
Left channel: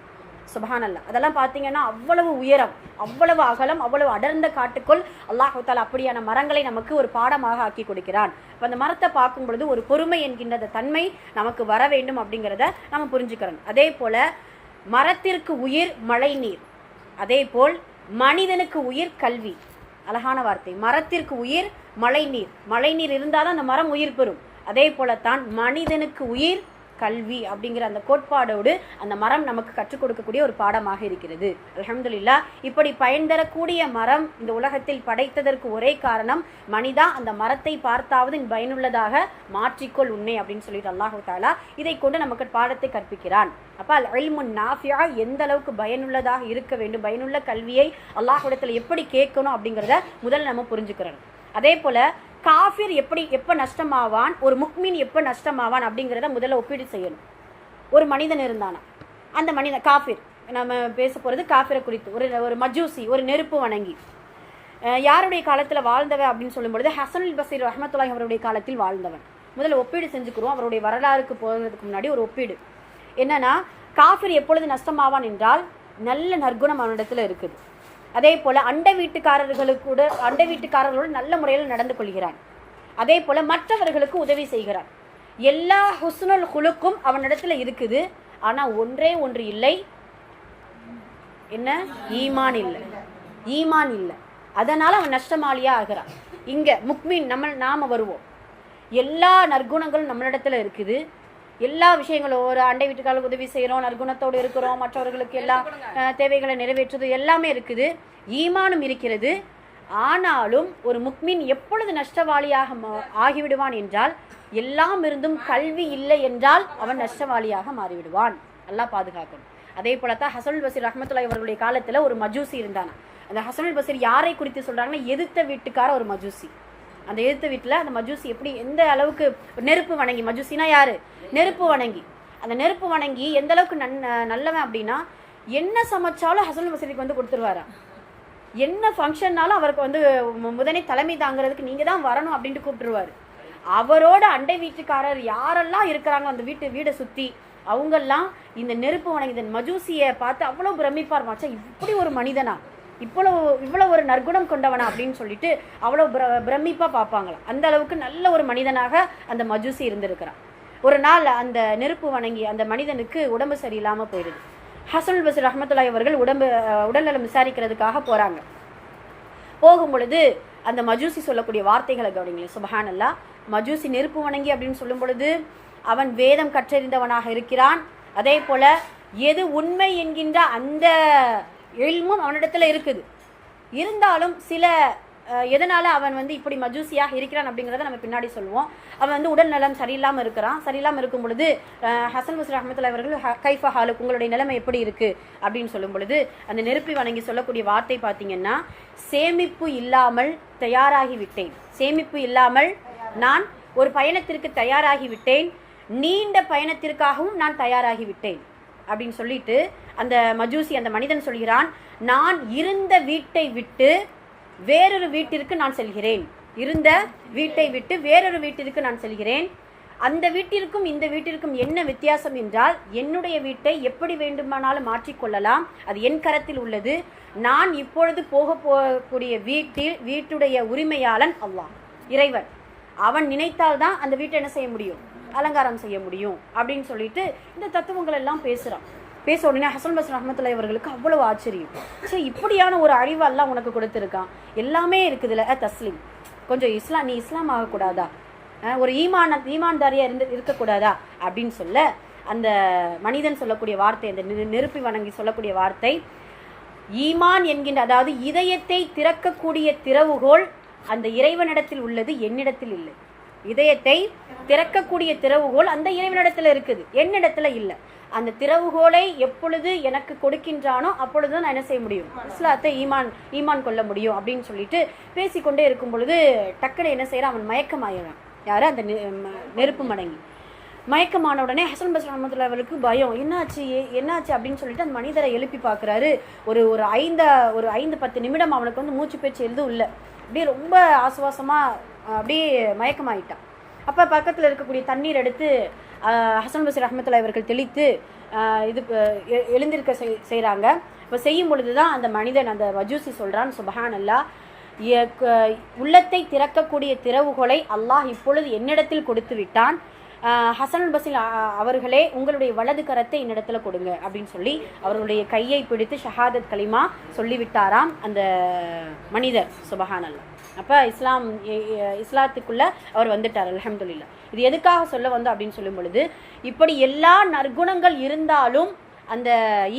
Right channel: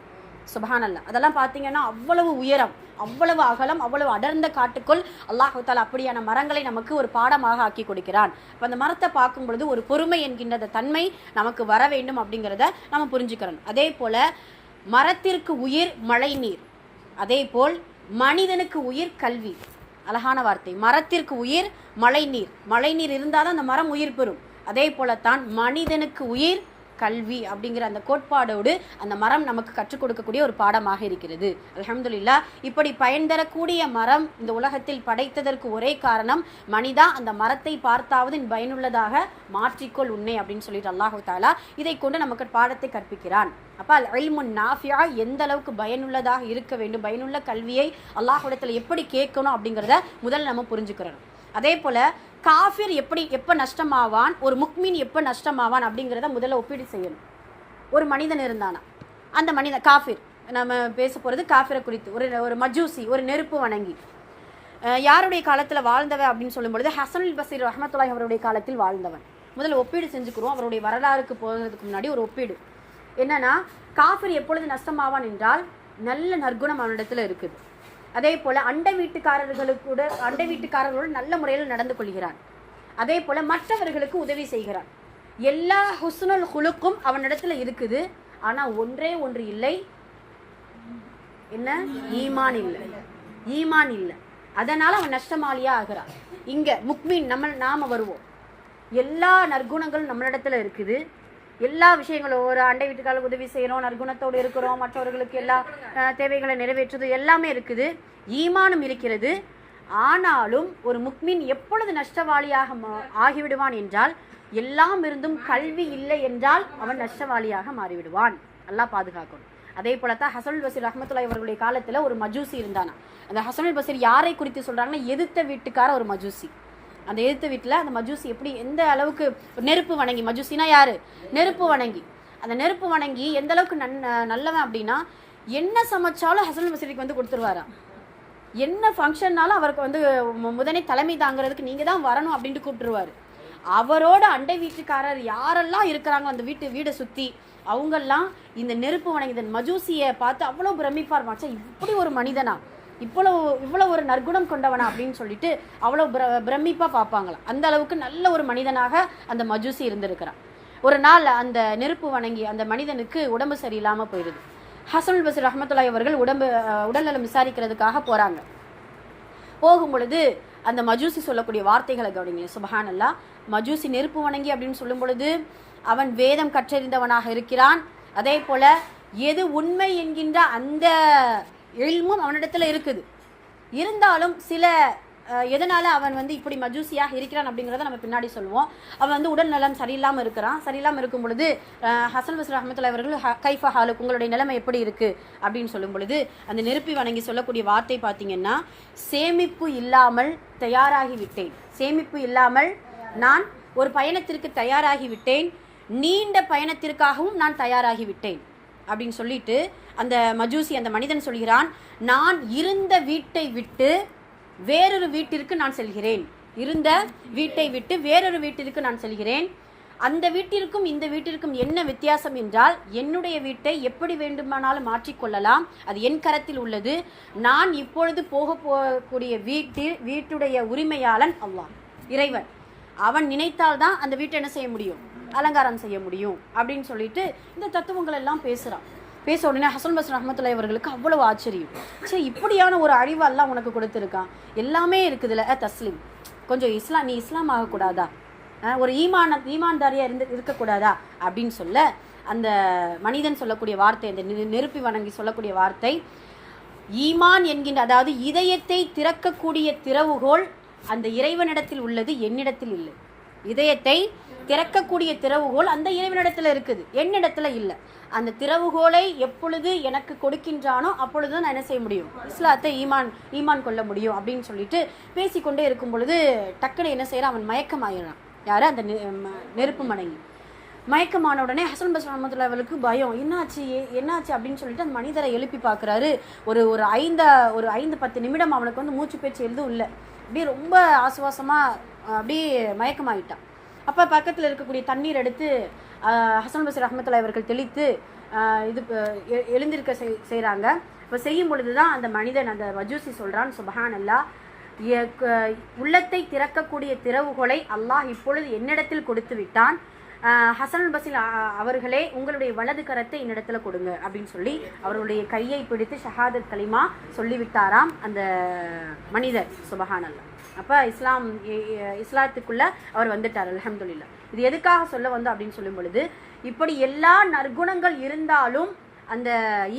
சுபஹானல்லாஹ். அதெல்லாம் பார்த்தீங்கன்னா அவ்வளவு உயரம், அவ்வளவு அகலம், அவ்வளவு அடர்ந்த காட்டுக்குள் அல்லாஹு தஆலா அப்படியான மரங்களை நமக்கு ஒரு பாடமாக ஆக்கி கொடுக்கிறான். அப்போ அந்த மரத்தை பார்க்கும் பொழுது ஒரு பொறுமை என்கின்ற தன்மை நமக்கு வர வேண்டும் அப்படிங்கிறத நம்ம புரிஞ்சுக்கிறோம். அதே போல மரத்திற்கு உயிர் மழை நீர், அதே போல் மனிதனுக்கு உயிர் கல்வி. அழகான வார்த்தை, மரத்திற்கு உயிர் மழை நீர். மழை நீர் இருந்தால் தான் அந்த மரம் உயிர் பெறும். அதே போலத்தான் மனிதனுக்கு உயிர் கல்வி அப்படிங்கிற அந்த கோட்பாடோடு அந்த மரம் நமக்கு கற்றுக் கொடுக்கக்கூடிய ஒரு பாடமாக இருக்கிறது. அல்ஹம்துலில்லாஹ். இப்படி பயன் தரக்கூடிய மரம் இந்த உலகத்தில் படைத்ததற்கு ஒரே காரணம், மனிதா அந்த மரத்தை பார்த்தாவது பயனுள்ளதாக மாற்றிக்கொள் உன்னை அப்படின்னு சொல்லிட்டு அல்லாஹு தஆலா இதை கொண்டு நமக்கு பாடத்தை கற்பிக்கிறான். அப்போ அல் இல்முன் நாஃபியா எந்த அளவுக்கு பயனுள்ளதாக இருக்க வேண்டும், பயனுள்ள கல்வியை அல்லாஹ்விடத்தில் எப்படி கேட்கணும் அப்படிங்கிறத முதல்ல நம்ம புரிஞ்சுக்கிறோம். அதே போல காஃபிர் எப்போ நஷ்டமாவான், ஒரு முக்மீன் எப்போ நஷ்டமாவான் அப்படிங்கிறத முதல்ல ஒப்பீடு செய்யணும். ஒரு மனிதன் இருந்தானா, அந்த மனிதன் காஃபிர், நம்ம பேச போகிறது காஃபிரை குறித்து. ஒரு மஜூசி, ஒரு நெருப்பு வணங்கி யாருடைய காலத்தில் வாழ்ந்தவன் அப்படின்னு சொல்லும்பொழுது ஹசனுல் பஸீர் ரஹ்மத்துல்லாஹி அவருடைய காலத்தில் வாழ்ந்தவன். முதல்ல ஒப்பீடு செஞ்சுக்கிறோம். அவருடைய வரலாறுக்கு போகிறதுக்கு முன்னாடி ஒரு ஒப்பீடு என்னன்னா, காஃபிர் எப்பொழுது நஷ்டமாவான் என்றால் நல்ல நற்குணம் அவனிடத்தில் இருக்குது. அதே போல் அண்டை வீட்டுக்காரர்களோடு நல்ல முறையில் நடந்து கொள்கிறான். அதே போல் மற்றவர்களுக்கு உதவி செய்கிறான். எல்லா ஹுஸ்னுல் ஹுலுக்கும் அவனிடத்தில் இருக்குது. ஆனால் ஒன்றே ஒன்று இல்லை, என்ன? ஈமான் இல்லை. அதனால் அவன் நஷ்டமாளியா ஆகிறான். இங்கே முக்மீன் நாம வருவோம். எல்லா நற்குணங்களும் நம்மளிடத்தில் இருக்குது. எல்லா விஷயங்களும், ஒரு அண்டை வீட்டுக்காரர்களுக்கு உதவி செய்கிறோம், நற்குணத்தோடு இருக்கிறோம், மற்றவர்களுக்கு எல்லா தேவைகளை நிறைவேற்றுறது எல்லாமே இருக்குது, ஈமானும் இருக்கிறது. ஆனாலும் ஒரு முக்மீன் எப்பொழுது நஷ்டவாளியாக ஆகிவிடுவான் என்றால், எல்லாம் இருந்தும் கல்வி இல்லை என்றால் அவன் நஷ்டவாளியாக மாறிவிடுவான். அல்லாஹ் பாதுகாக்கணும். அதே போலத்தான் ஹசனுல் பஸீர் ரஹ்மத்துல்லாஹி அவர்களுடைய காலத்தில் ஒரு மஜூசி இருந்தானா. அந்த ஹசனுல் பஸீர் யாரை குறித்து சொல்கிறாங்கன்னா, எதிர்த்த வீட்டுக்கார ஒரு மஜூசி. அந்த எதிர்த்த வீட்டில் அந்த மஜூசி எப்படி எந்த அளவுக்கு நெருப்பு வணங்கி, மஜூசினா யாரு? நெருப்பு வணங்கி. அந்த நெருப்பு வணங்கி எந்த அளவுக்கு நல்லவன் அப்படின்னா, என்ன சமைச்சாலும் ஹசனுல் பஸீருக்கு வந்து கொடுத்துருவாரா. என்ன ஃபங்க்ஷன்னாலும் அவருக்கு வந்து முதனே தலைமை தாங்கிறதுக்கு நீங்கள் தான் வரணும் அப்படின்ட்டு கூப்பிட்டுருவார். அவரோட அண்டை வீட்டுக்காரர் யாரெல்லாம் இருக்கிறாங்க அந்த வீடை சுற்றி, அவங்கெல்லாம் இந்த நெருப்பு வணங்கி இந்த மஜூசியை பார்த்து அவ்வளோ பிரமிப்பார். மச்சா, இப்படி ஒரு மனிதனா, இவ்வளோ ஒரு நற்குணம் கொண்டவனா அப்படின்னு சொல்லிட்டு அவ்வளோ பிரமிப்பாக பார்ப்பாங்களாம். அந்த அளவுக்கு நல்ல ஒரு மனிதனாக அந்த மஜூசி இருந்திருக்கிறான். ஒரு நாள் அந்த நெருப்பு வணங்கி அந்த மனிதனுக்கு உடம்பு சரியில்லாமல் போயிடுது. ஹசனுல் பஸீர் ரஹ்மத்துல்லாஹி அவர்கள் உடல்நலம் விசாரிக்கிறதுக்காக போகிறாங்க. போகும் பொழுது அந்த மஜூசி சொல்லக்கூடிய வார்த்தைகளை கவனிங்களேன். சுபஹானல்லாஹ். மஜூசி நெருப்பு வணங்கி அப்படின்னு சொல்லும் பொழுது அவன் வேதம் கற்றறிந்தவனாக இருக்கிறான். அதே போல எது உண்மை என்கின்ற அந்த இல்மும் அவனிடத்துல இருக்குது. இருந்தாலும் சில எதனால் அவன் வந்து இப்படி மஜூசியாக இருக்கிறான் அப்படிங்கிறத நம்ம பின்னாடி சொல்லுவோம். அவன் வந்து உடல் நலம் சரியில்லாமல் இருக்கிறான். சரியில்லாமல் இருக்கும் பொழுது ஹசன் பஸீர் ரஹ்மத்துல்லாஹி அவர்கள் கைஃப ஹாலுக், உங்களுடைய நிலைமை எப்படி இருக்குது அப்படின்னு சொல்லும் பொழுது அந்த நெருப்பி வணங்கி சொல்லக்கூடிய வார்த்தை பார்த்தீங்கன்னா, சேமிப்பு இல்லாமல் தயாராகி விட்டேன். சேமிப்பு இல்லாமல் நான் ஒரு பயணத்திற்கு தயாராகி விட்டேன். நீண்ட பயணத்திற்காகவும் நான் தயாராகி விட்டேன் அப்படின்னு சொல்லிட்டு அந்த மஜூசி, அந்த மனிதன் சொல்கிறான், நான் இருந்த வீட்டை விட்டு வேறொரு வீட்டிற்கு நான் செல்கிறேன். இருந்த வீட்டை விட்டு வேறொரு வீட்டிற்கு நான் செல்கிறேன். அந்த வீட்டிற்கும் இந்த வீட்டிற்கும் என்ன வித்தியாசம் என்றால், என்னுடைய வீட்டை எப்படி வேண்டுமானாலும் மாற்றிக்கொள்ளலாம், அது என் கரத்தில் உள்ளது. நான் இப்பொழுது போகக்கூடிய வீட்டுடைய உரிமையாளன் அல்லாஹ், இறைவன். அவன் நினைத்தால்தான் அந்த வீட்டை என்ன செய்ய முடியும், அலங்காரம் செய்ய முடியும் அப்படின்னு சொல்லிட்டு இந்த தத்துவங்கள் எல்லாம் பேசுகிறான். பேச உடனே ஹசன் பஸீர் ரஹ்மத்துல்லாஹி அவர்களுக்கு அவ்வளவு ஆச்சரியம். சரி, இப்படியான ஒரு அறிவெல்லாம் உனக்கு கொடுத்துருக்கான், எல்லாமே இருக்குதுல்ல தஸ்லீம், கொஞ்சம் நீ இஸ்லாம் ஆகக்கூடாதா, ஒரு ஈமான்தாரியாக இருக்கக்கூடாதா அப்படின்னு சொல்ல, அந்த மனிதன் சொல்லக்கூடிய வார்த்தை, அந்த நெருப்பி வணங்கி சொல்லக்கூடிய வார்த்தை, ஈமான் என்கின்ற, அதாவது இதயத்தை திறக்கக்கூடிய திறவுகோல் அந்த இறைவனிடத்தில் உள்ளது, என்னிடத்தில் இல்லை. இதயத்தை திறக்கக்கூடிய திறவுகோல் அந்த இறைவனிடத்தில் இருக்குது, என்னிடத்துல இல்லை. அந்த திறவுகோலை எப்பொழுது எனக்கு கொடுக்கின்றானோ அப்பொழுது நான் என்ன செய்ய முடியும், இஸ்லாத்தை ஈமான் கொள்ள முடியும் அப்படின்னு சொல்லிட்டு பேசிக்கொண்டே இருக்கும் பொழுது டக்குனு என்ன செய்யறான், அவன் மயக்கமாயிடான். யாரு? அந்த நெருப்பு மடங்கி. மயக்கமான உடனே ஹசன் பஸீர் ரஹ்மத்துல்லாஹி அவர்களுக்கு பயம், என்னாச்சு அப்படின்னு சொல்லிட்டு அந்த மனிதரை எழுப்பி பார்க்குறாரு. ஒரு 5-10 நிமிடம் அவனுக்கு வந்து மூச்சு பேச்சு எதுவும் இல்லை, அப்படியே ரொம்ப ஆசுவாசமாக அப்படியே மயக்கமாயிட்டான். அப்போ பக்கத்தில் இருக்கக்கூடிய தண்ணீர் எடுத்து ஹசன் பஸீர் ரஹ்மத்துல்லாஹி அவர்கள் தெளித்து எழுந்திருக்க செய்கிறாங்க. இப்போ செய்யும் பொழுது தான் அந்த மனிதன், அந்த மஜூசி சொல்கிறான், சுபஹானல்லாஹ், உள்ளத்தை திறக்கக்கூடிய திறவுகோலை அல்லாஹ் இப்பொழுது என்னிடத்தில் கொடுத்து விட்டான். ஹசன் பஸீர் அவர்களே, உங்களுடைய வலது கரத்தை என்னிடத்துல கொடுங்க அப்படின்னு சொல்லி அவர்களுடைய கையை பிடித்து ஷஹாதத் கலிமா சொல்லிவிட்டாராம் அந்த மனிதர். சுபஹானல்லாஹ். அப்போ இஸ்லாத்துக்குள்ள அவர் வந்துட்டார் அல்ஹம்துலில்லாஹ். இது எதுக்காக சொல்ல வந்தோம் அப்படின்னு சொல்லும் பொழுது, இப்படி எல்லா நற்குணங்கள் இருந்தாலும் அந்த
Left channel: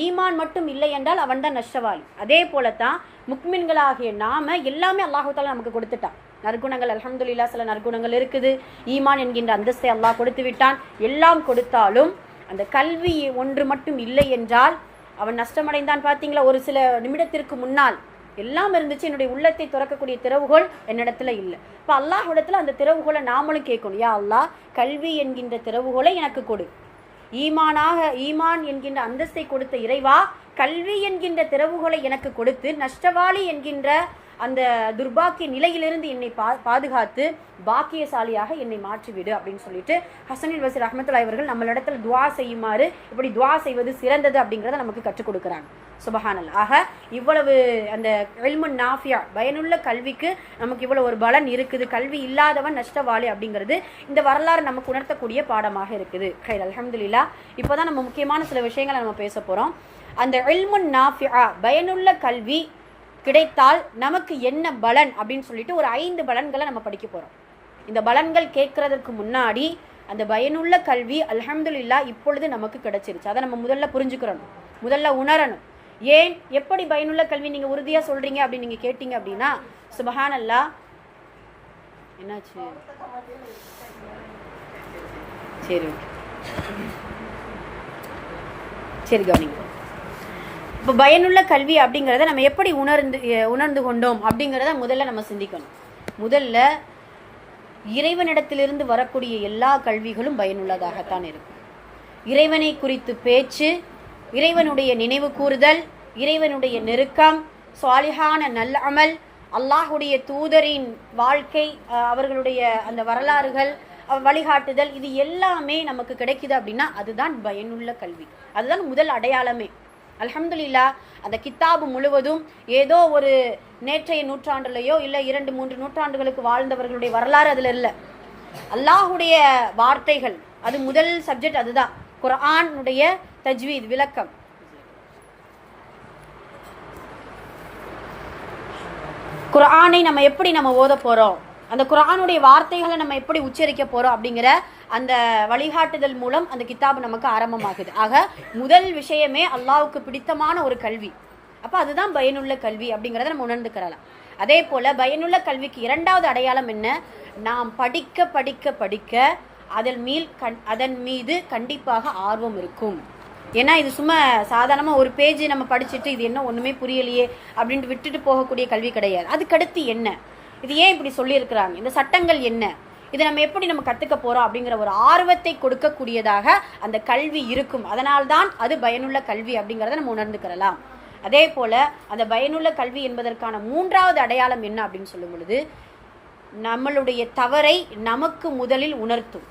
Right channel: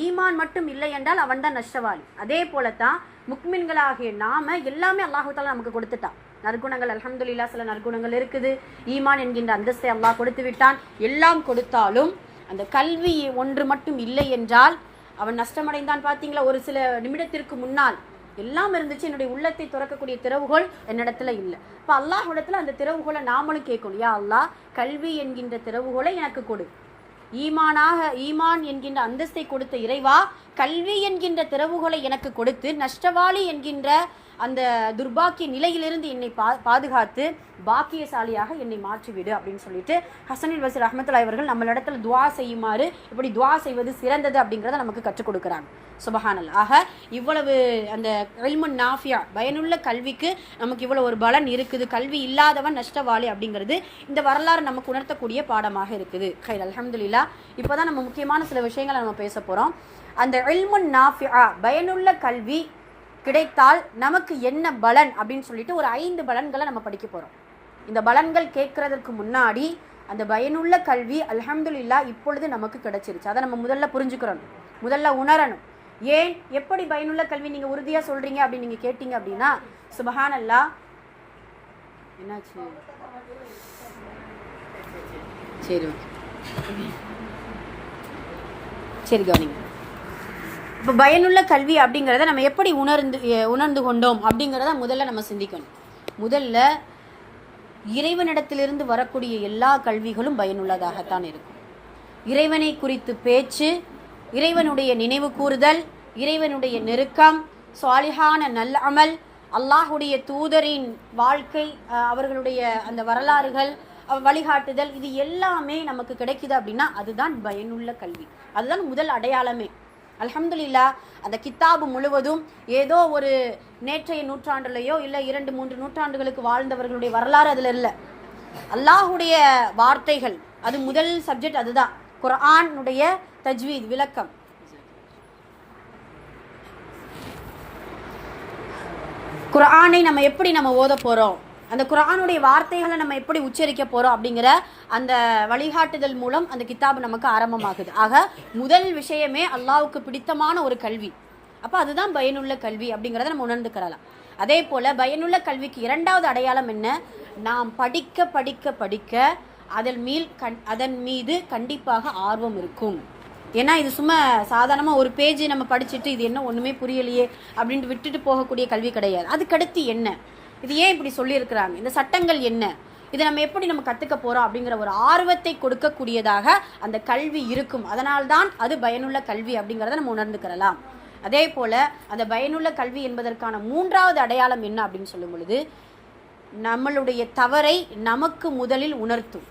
ஈமான் மட்டும் இல்லை என்றால் அவன் தான் நஷ்டவாளி. அதே போலத்தான் முக்மின்களாகிய நாம எல்லாமே அல்லாஹு தஆலா நமக்கு கொடுத்துட்டான். நற்குணங்கள் அல்ஹம்துலில்லாஹ், சில நற்குணங்கள் இருக்குது, ஈமான் என்கின்ற அந்தஸ்தை அல்லாஹ் கொடுத்து விட்டான். எல்லாம் கொடுத்தாலும் அந்த கல்வி ஒன்று மட்டும் இல்லை என்றால் அவன் நஷ்டமடைந்தான். பார்த்தீங்களா, ஒரு சில நிமிடத்திற்கு முன்னால் எல்லாம் இருந்துச்சு, என்னுடைய உள்ளத்தை திறக்கக்கூடிய திறவுகோல் என்னிடத்துல இல்லை. இப்போ அல்லாஹ்விடத்துல அந்த திறவுகோலை நாமளும் கேட்கணும், யா அல்லாஹ் கல்வி என்கின்ற திறவுகோலை எனக்கு கொடு. ஈமான் என்கின்ற அந்தஸ்தை கொடுத்த இறைவா, கல்வி என்கின்ற திறவுகோலை எனக்கு கொடுத்து நஷ்டவாளி என்கின்ற அந்த துர்பாக்கிய நிலையிலிருந்து என்னை பாதுகாத்து பாக்கியசாலியாக என்னை மாற்றிவிடு அப்படின்னு சொல்லிட்டு ஹசனுல் பஸ்ரி ரஹ்மத்துல்லாஹி அவர்கள் நம்மளிடத்துல துவா செய்யுமாறு, இப்படி துவா செய்வது சிறந்தது அப்படிங்கிறத நமக்கு கற்றுக் கொடுக்குறாங்க. சுபஹானல்லாஹ். ஆக இவ்வளவு அந்த இல்முன் நாஃபியா, பயனுள்ள கல்விக்கு நமக்கு இவ்வளவு ஒரு பலன் இருக்குது. கல்வி இல்லாதவன் நஷ்டவாளி அப்படிங்கிறது இந்த வரலாறு நமக்கு உணர்த்தக்கூடிய பாடமாக இருக்குது. ஹைர் அல்ஹம்துலில்லாஹ். இப்போதான் நம்ம முக்கியமான சில விஷயங்களை நம்ம பேச போறோம். அந்த இல்முன் நாஃபியா, பயனுள்ள கல்வி கிடைத்தால் நமக்கு என்ன பலன் அப்படின்னு சொல்லிட்டு ஒரு 5 பலன்களை நம்ம படிக்க போறோம். இந்த பலன்கள் கேட்கறதுக்கு முன்னாடி அந்த பயனுள்ள கல்வி அல்ஹம்துலில்லாஹ் இப்பொழுது நமக்கு கிடைச்சிருச்சு. அதை நம்ம முதல்ல புரிஞ்சுக்கிறோம், முதல்ல உணரணும். ஏன், எப்படி பயனுள்ள கல்வி நீங்க உறுதியா சொல்றீங்க அப்படின்னு நீங்க கேட்டீங்க அப்படின்னா, சுபஹானல்லாஹ். என்னாச்சு? சரி, சரி கவனிங்க. இப்போ பயனுள்ள கல்வி அப்படிங்கிறத நம்ம எப்படி உணர்ந்து கொண்டோம் அப்படிங்கிறத முதல்ல நம்ம சிந்திக்கணும். முதல்ல இறைவனிடத்திலிருந்து வரக்கூடிய எல்லா கல்விகளும் பயனுள்ளதாகத்தான் இருக்கும். இறைவனை குறித்து பேச்சு, இறைவனுடைய நினைவு கூறுதல், இறைவனுடைய நெருக்கம், சாலிஹான நல்ல அமல், அல்லாஹுடைய தூதரின் வாழ்க்கை, அவர்களுடைய அந்த வரலாறுகள், வழிகாட்டுதல், இது எல்லாமே நமக்கு கிடைக்குது அப்படின்னா அதுதான் பயனுள்ள கல்வி. அதுதான் முதல் அடையாளமே. அல்ஹம்துலில்லாஹ். அந்த கித்தாபு முழுவதும் ஏதோ ஒரு நேற்றைய நூற்றாண்டுலையோ இல்லை 2-3 நூற்றாண்டுகளுக்கு வாழ்ந்தவர்களுடைய வரலாறு அதுல இல்லை. அல்லாஹுடைய வார்த்தைகள், அது முதல் சப்ஜெக்ட். அதுதான் குர்ஆனுடைய தஜ்வீத், விளக்கம். குர்ஆனை நம்ம எப்படி ஓத போறோம், அந்த குர்ஆனுடைய வார்த்தைகளை நம்ம எப்படி உச்சரிக்க போறோம் அப்படிங்கிற அந்த வழிகாட்டுதல் மூலம் அந்த கித்தாபு நமக்கு ஆரம்பமாகுது. ஆக முதல் விஷயமே அல்லாஹ்வுக்கு பிடித்தமான ஒரு கல்வி. அப்ப அதுதான் பயனுள்ள கல்வி அப்படிங்கிறத நம்ம உணர்ந்துக்கிறலாம். அதே போல பயனுள்ள கல்விக்கு 2வது அடையாளம் என்ன, நாம் படிக்க படிக்க படிக்க அதன் மீது கண்டிப்பாக ஆர்வம் இருக்கும். ஏன்னா இது சும்மா சாதாரணமா ஒரு பேஜ் நம்ம படிச்சுட்டு இது என்ன ஒண்ணுமே புரியலையே அப்படின்ட்டு விட்டுட்டு போகக்கூடிய கல்வி கிடையாது. அதுக்கடுத்து என்ன, இது ஏன் இப்படி சொல்லியிருக்கிறாங்க, இந்த சட்டங்கள் என்ன, இதை நம்ம எப்படி கற்றுக்க போகிறோம் அப்படிங்கிற ஒரு ஆர்வத்தை கொடுக்கக்கூடியதாக அந்த கல்வி இருக்கும். அதனால்தான் அது பயனுள்ள கல்வி அப்படிங்கிறத நம்ம உணர்ந்துக்கிறலாம். அதே போல் அந்த பயனுள்ள கல்வி என்பதற்கான 3வது அடையாளம் என்ன அப்படின்னு சொல்லும் பொழுது, நம்மளுடைய தவறை நமக்கு முதலில் உணர்த்தும்.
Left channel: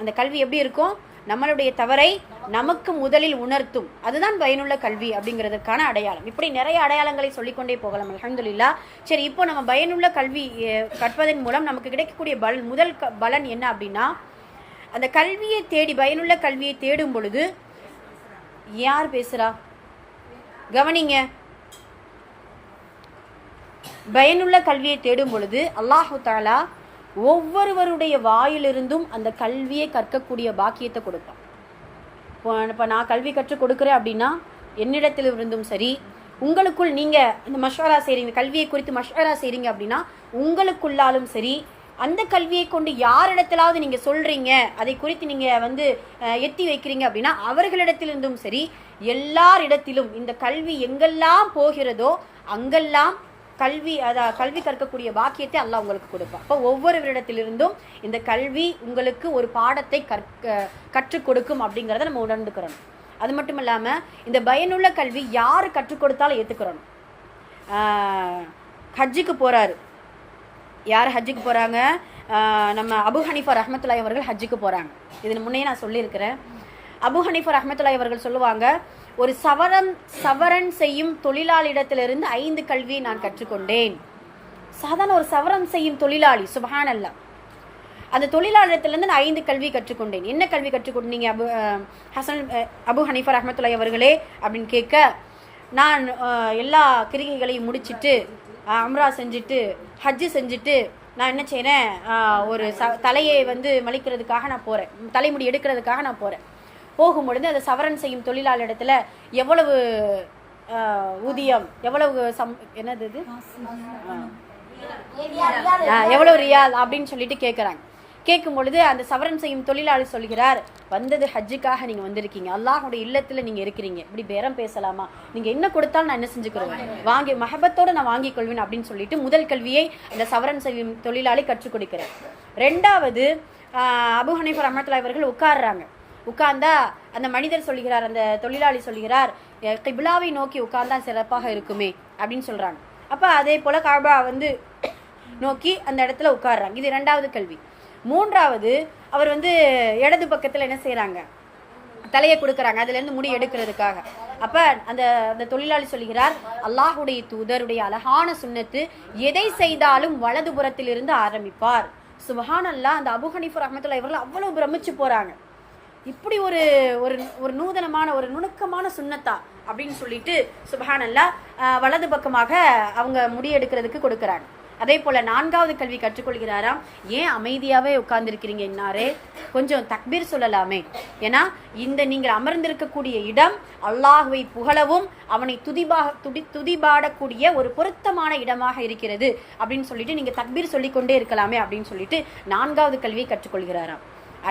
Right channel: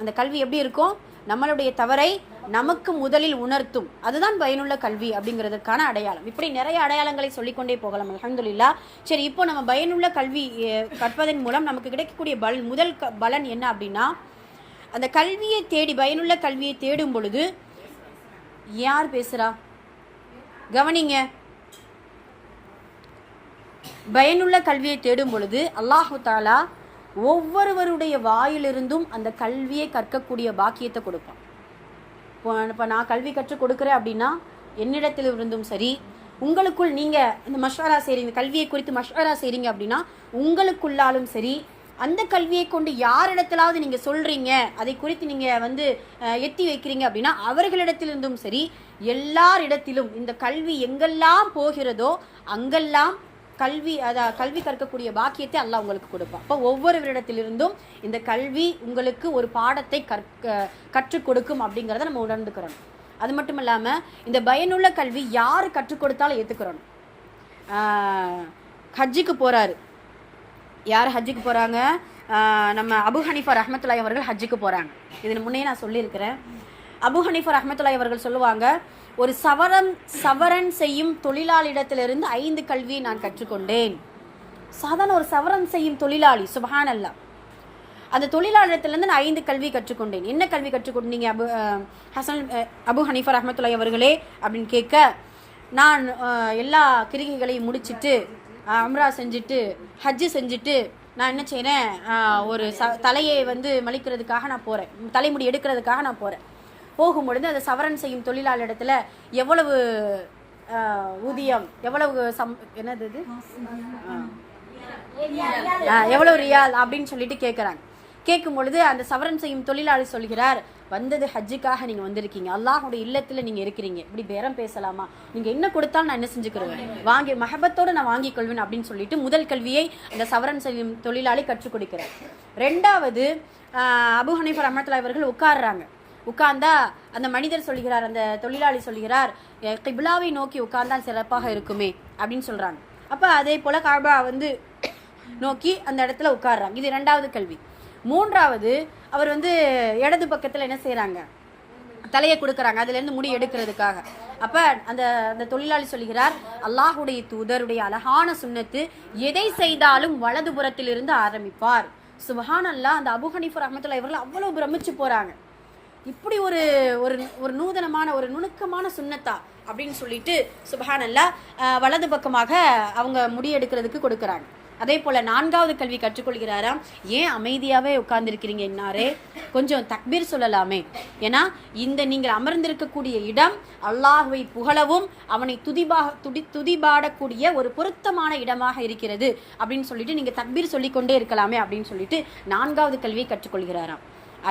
அந்த கல்வி எப்படி இருக்கும், நம்மளுடைய தவறை நமக்கு முதலில் உணர்த்தும். அதுதான் பயனுள்ள கல்வி அப்படிங்கிறதுக்கான அடையாளம். இப்படி நிறைய அடையாளங்களை சொல்லிக்கொண்டே போகலாம் அல்ஹம்துலில்லாஹ். சரி, இப்போ நம்ம பயனுள்ள கல்வி கற்பதன் மூலம் நமக்கு கிடைக்கக்கூடிய முதல் பலன் என்ன அப்படின்னா, அந்த கல்வியை தேடி, பயனுள்ள கல்வியை தேடும் பொழுது, யார் பேசுறா கவனிங்க, பயனுள்ள கல்வியை தேடும் பொழுது அல்லாஹு தஆலா ஒவ்வொருவருடைய வாயிலிருந்தும் அந்த கல்வியை கற்கக்கூடிய பாக்கியத்தை கொடுப்பான். இப்போ நான் கல்வி கற்றுக் கொடுக்குறேன் அப்படின்னா என்னிடத்திலிருந்தும் சரி, உங்களுக்குள் நீங்கள் இந்த மஷ்வரா செய்கிறீங்க, கல்வியை குறித்து மஷ்வரா செய்கிறீங்க அப்படின்னா உங்களுக்குள்ளாலும் சரி, அந்த கல்வியை கொண்டு யாரிடத்திலாவது நீங்கள் சொல்கிறீங்க, அதை குறித்து நீங்கள் எத்தி வைக்கிறீங்க அப்படின்னா அவர்களிடத்திலிருந்தும் சரி, எல்லாரிடத்திலும் இந்த கல்வி எங்கெல்லாம் போகிறதோ அங்கெல்லாம் கல்வி கற்கக்கூடிய பாக்கியத்தை அல்லாஹ் உங்களுக்கு கொடுப்பான். அப்போ ஒவ்வொருவரிடத்திலிருந்தும் இந்த கல்வி உங்களுக்கு ஒரு பாடத்தை கற்றுக் கொடுக்கும் அப்படிங்கிறத நம்ம உணர்ந்துக்கிறோம். அது மட்டும் இல்லாமல் இந்த பயனுள்ள கல்வி யார் கற்றுக் கொடுத்தாலும் ஏற்றுக்கிறோம். ஹஜ்ஜுக்கு போகிறாரு, யார் ஹஜ்ஜுக்கு போகிறாங்க, நம்ம அபு ஹனீஃபா ரஹ்மத்துல்லாஹி அவர்கள் ஹஜ்ஜுக்கு போகிறாங்க. இதன் முன்னே நான் சொல்லியிருக்கிறேன். அபு ஹனீஃபா ரஹ்மத்துல்லாஹி அவர்கள் சொல்லுவாங்க, ஒரு சவரன் செய்யும் தொழிலாளியிடத்திலிருந்து 5 கல்வியை நான் கற்றுக்கொண்டேன். சாதாரண ஒரு சவரன் செய்யும் தொழிலாளி, சுப்ஹானல்லாஹ், அந்த தொழிலாளியிடத்திலிருந்து நான் 5 கல்வி கற்றுக்கொண்டேன். என்ன கல்வி கற்றுக்கொண்டீங்க அபு ஹனீஃபா ரஹ்மத்துல்லாஹி அவர்களே அப்படின்னு கேட்க, நான் எல்லா கிரிகைகளையும் முடிச்சுட்டு அம்ரா செஞ்சுட்டு ஹஜ்ஜு செஞ்சுட்டு நான் என்ன செய்கிறேன், ஒரு தலையை வந்து மலிக்கிறதுக்காக நான் போகிறேன், தலைமுடி எடுக்கிறதுக்காக நான் போகிறேன். போகும்பொழுது அந்த சவரன் செய்யும் தொழிலாளரிடத்துல எவ்வளவு ஊதியம், எவ்வளவு என்னது இது எவ்வளவு ரியால் அப்படின்னு சொல்லிட்டு கேட்குறாங்க. கேட்கும் பொழுது அந்த சவரன் செய்யும் தொழிலாளி சொல்கிறார், வந்தது ஹஜ்ஜுக்காக நீங்க வந்திருக்கீங்க, அல்லாஹுடைய இல்லத்துல நீங்க இருக்கிறீங்க, இப்படி பேரம் பேசலாமா, நீங்க என்ன கொடுத்தாலும் நான் என்ன செஞ்சுக்கிறேன், வாங்கி மஹபத்தோட நான் வாங்கிக் கொள்வேன் அப்படின்னு சொல்லிட்டு முதல் கல்வியை அந்த சவரன் செய்யும் தொழிலாளி கற்றுக் கொடுக்கிறார். ரெண்டாவது அபூ ஹனீஃபா ரஹ்மத்துல்லாஹி அவர்கள் உட்கார்றாங்க. உட்கார்ந்தா அந்த மனிதர் சொல்கிறார், அந்த தொழிலாளி சொல்கிறார், கிப்லாவை நோக்கி உட்கார்ந்தா சிறப்பாக இருக்குமே அப்படின்னு சொல்றாங்க. அப்ப அதே போல காபா வந்து நோக்கி அந்த இடத்துல உட்கார்றாங்க. இது இரண்டாவது கல்வி. மூன்றாவது அவர் வந்து இடது பக்கத்துல என்ன செய்யறாங்க, தலையை கொடுக்கறாங்க, அதுல இருந்து முடி எடுக்கிறதுக்காக. அப்ப அந்த அந்த தொழிலாளி சொல்கிறார், அல்லாஹுடைய தூதருடைய அழகான சுன்னத்து, எதை செய்தாலும் வலது புறத்திலிருந்து ஆரம்பிப்பார். சுப்ஹானல்லாஹ். அந்த அபூ ஹனீஃபா ரஹ்மத்துல்லாஹி அவர்கள் அவ்வளவு பிரமிச்சு போறாங்க. இப்படி ஒரு ஒரு நூதனமான ஒரு நுணுக்கமான சுன்னத்தா அப்படின்னு சொல்லிட்டு சுப்ஹானல்லாஹ் வலது பக்கமாக அவங்க முடி எடுக்கிறதுக்கு கொடுக்கறாங்க. அதே போல நான்காவது கல்வி கற்றுக்கொள்கிறாராம், ஏன் அமைதியாவே உட்கார்ந்துருக்கிறீங்க இன்னாரே, கொஞ்சம் தக்பீர் சொல்லலாமே, ஏன்னா இந்த நீங்கள் அமர்ந்திருக்கக்கூடிய இடம் அல்லாஹுவை புகழவும் அவனை துதிபாடக்கூடிய ஒரு பொருத்தமான இடமாக இருக்கிறது அப்படின்னு சொல்லிட்டு நீங்க தக்பீர் சொல்லிக்கொண்டே இருக்கலாமே அப்படின்னு சொல்லிட்டு நான்காவது கல்வியை கற்றுக்கொள்கிறாராம்.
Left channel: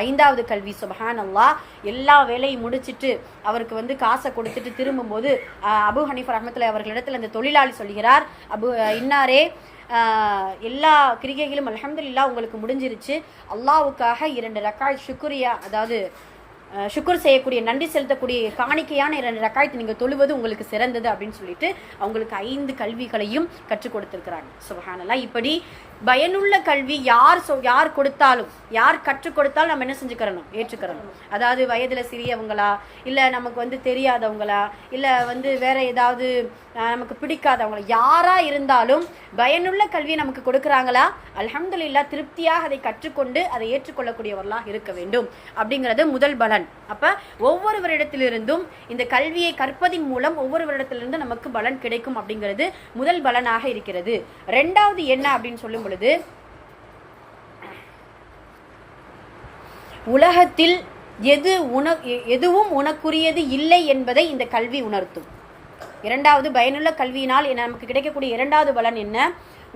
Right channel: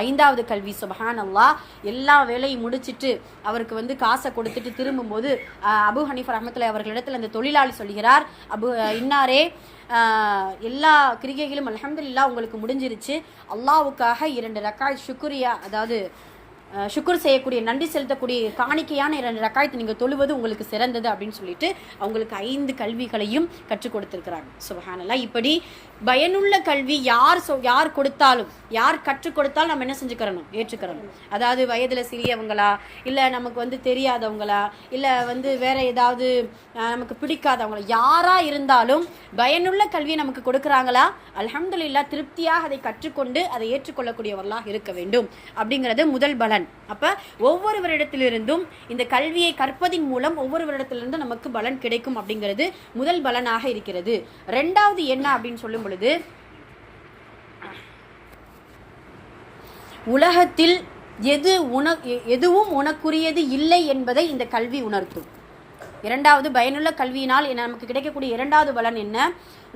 ஐந்தாவது கல்வி சுப்ஹானல்லாஹ், எல்லா வேலையும் முடிச்சிட்டு அவருக்கு வந்து காசை கொடுத்துட்டு திரும்பும் போது அபூ ஹனீஃபா ரஹ்மத்துல்லாஹி அவர்களிடத்தில் அந்த தொழிலாளி சொல்கிறார், இன்னாரே எல்லா கிரிகைகளும் அல்ஹம்துலில்லாஹ் உங்களுக்கு முடிஞ்சிருச்சு, அல்லாஹ்வுக்காக 2 ரக்காத் ஷுக்ரியா, அதாவது ஷுக்குர் செய்யக்கூடிய நன்றி செலுத்தக்கூடிய காணிக்கையான 2 ரக்காயத்து நீங்க தொழுவது உங்களுக்கு சிறந்தது அப்படின்னு சொல்லிட்டு அவங்களுக்கு 5 கல்விகளையும் கற்றுக் கொடுத்திருக்கிறாங்க. சுப்ஹானல்லாஹ். இப்படி பயனுள்ள கல்வி யார் கொடுத்தாலும், யார் கற்றுக் கொடுத்தாலும் நம்ம என்ன செஞ்சுக்கிறணும், ஏற்றுக்கிறணும். அதாவது வயதுல சிறியவங்களா, இல்ல நமக்கு வந்து தெரியாதவங்களா, இல்ல வந்து வேற ஏதாவது நமக்கு பிடிக்காதவங்களா, யாரா இருந்தாலும் பயனுள்ள கல்வியை நமக்கு கொடுக்கறாங்களா, அல்ஹம்துலில்லாஹ் திருப்தியாக அதை கற்றுக்கொண்டு அதை ஏற்றுக்கொள்ளக்கூடியவர்களாக இருக்க வேண்டும் அப்படிங்கிறது முதல் பலன். அப்ப ஒவ்வொருவரிடத்திலிருந்தும் இந்த கல்வியை கற்பதின் மூலம் ஒவ்வொருவரிடத்திலிருந்து நமக்கு பலன் கிடைக்கும் அப்படிங்கிறது முதல் பலனாக இருக்கிறது. ரெண்டாவது என்ன அப்படின்னு சொல்லும் பொழுது, உலகத்தில் எதுவும் உனக்குரியது இல்லை என்பதை இந்த கல்வி உணர்த்தும். இரண்டாவது பயனுள்ள கல்வியினால் நமக்கு கிடைக்கக்கூடிய இரண்டாவது பலன் என்ன,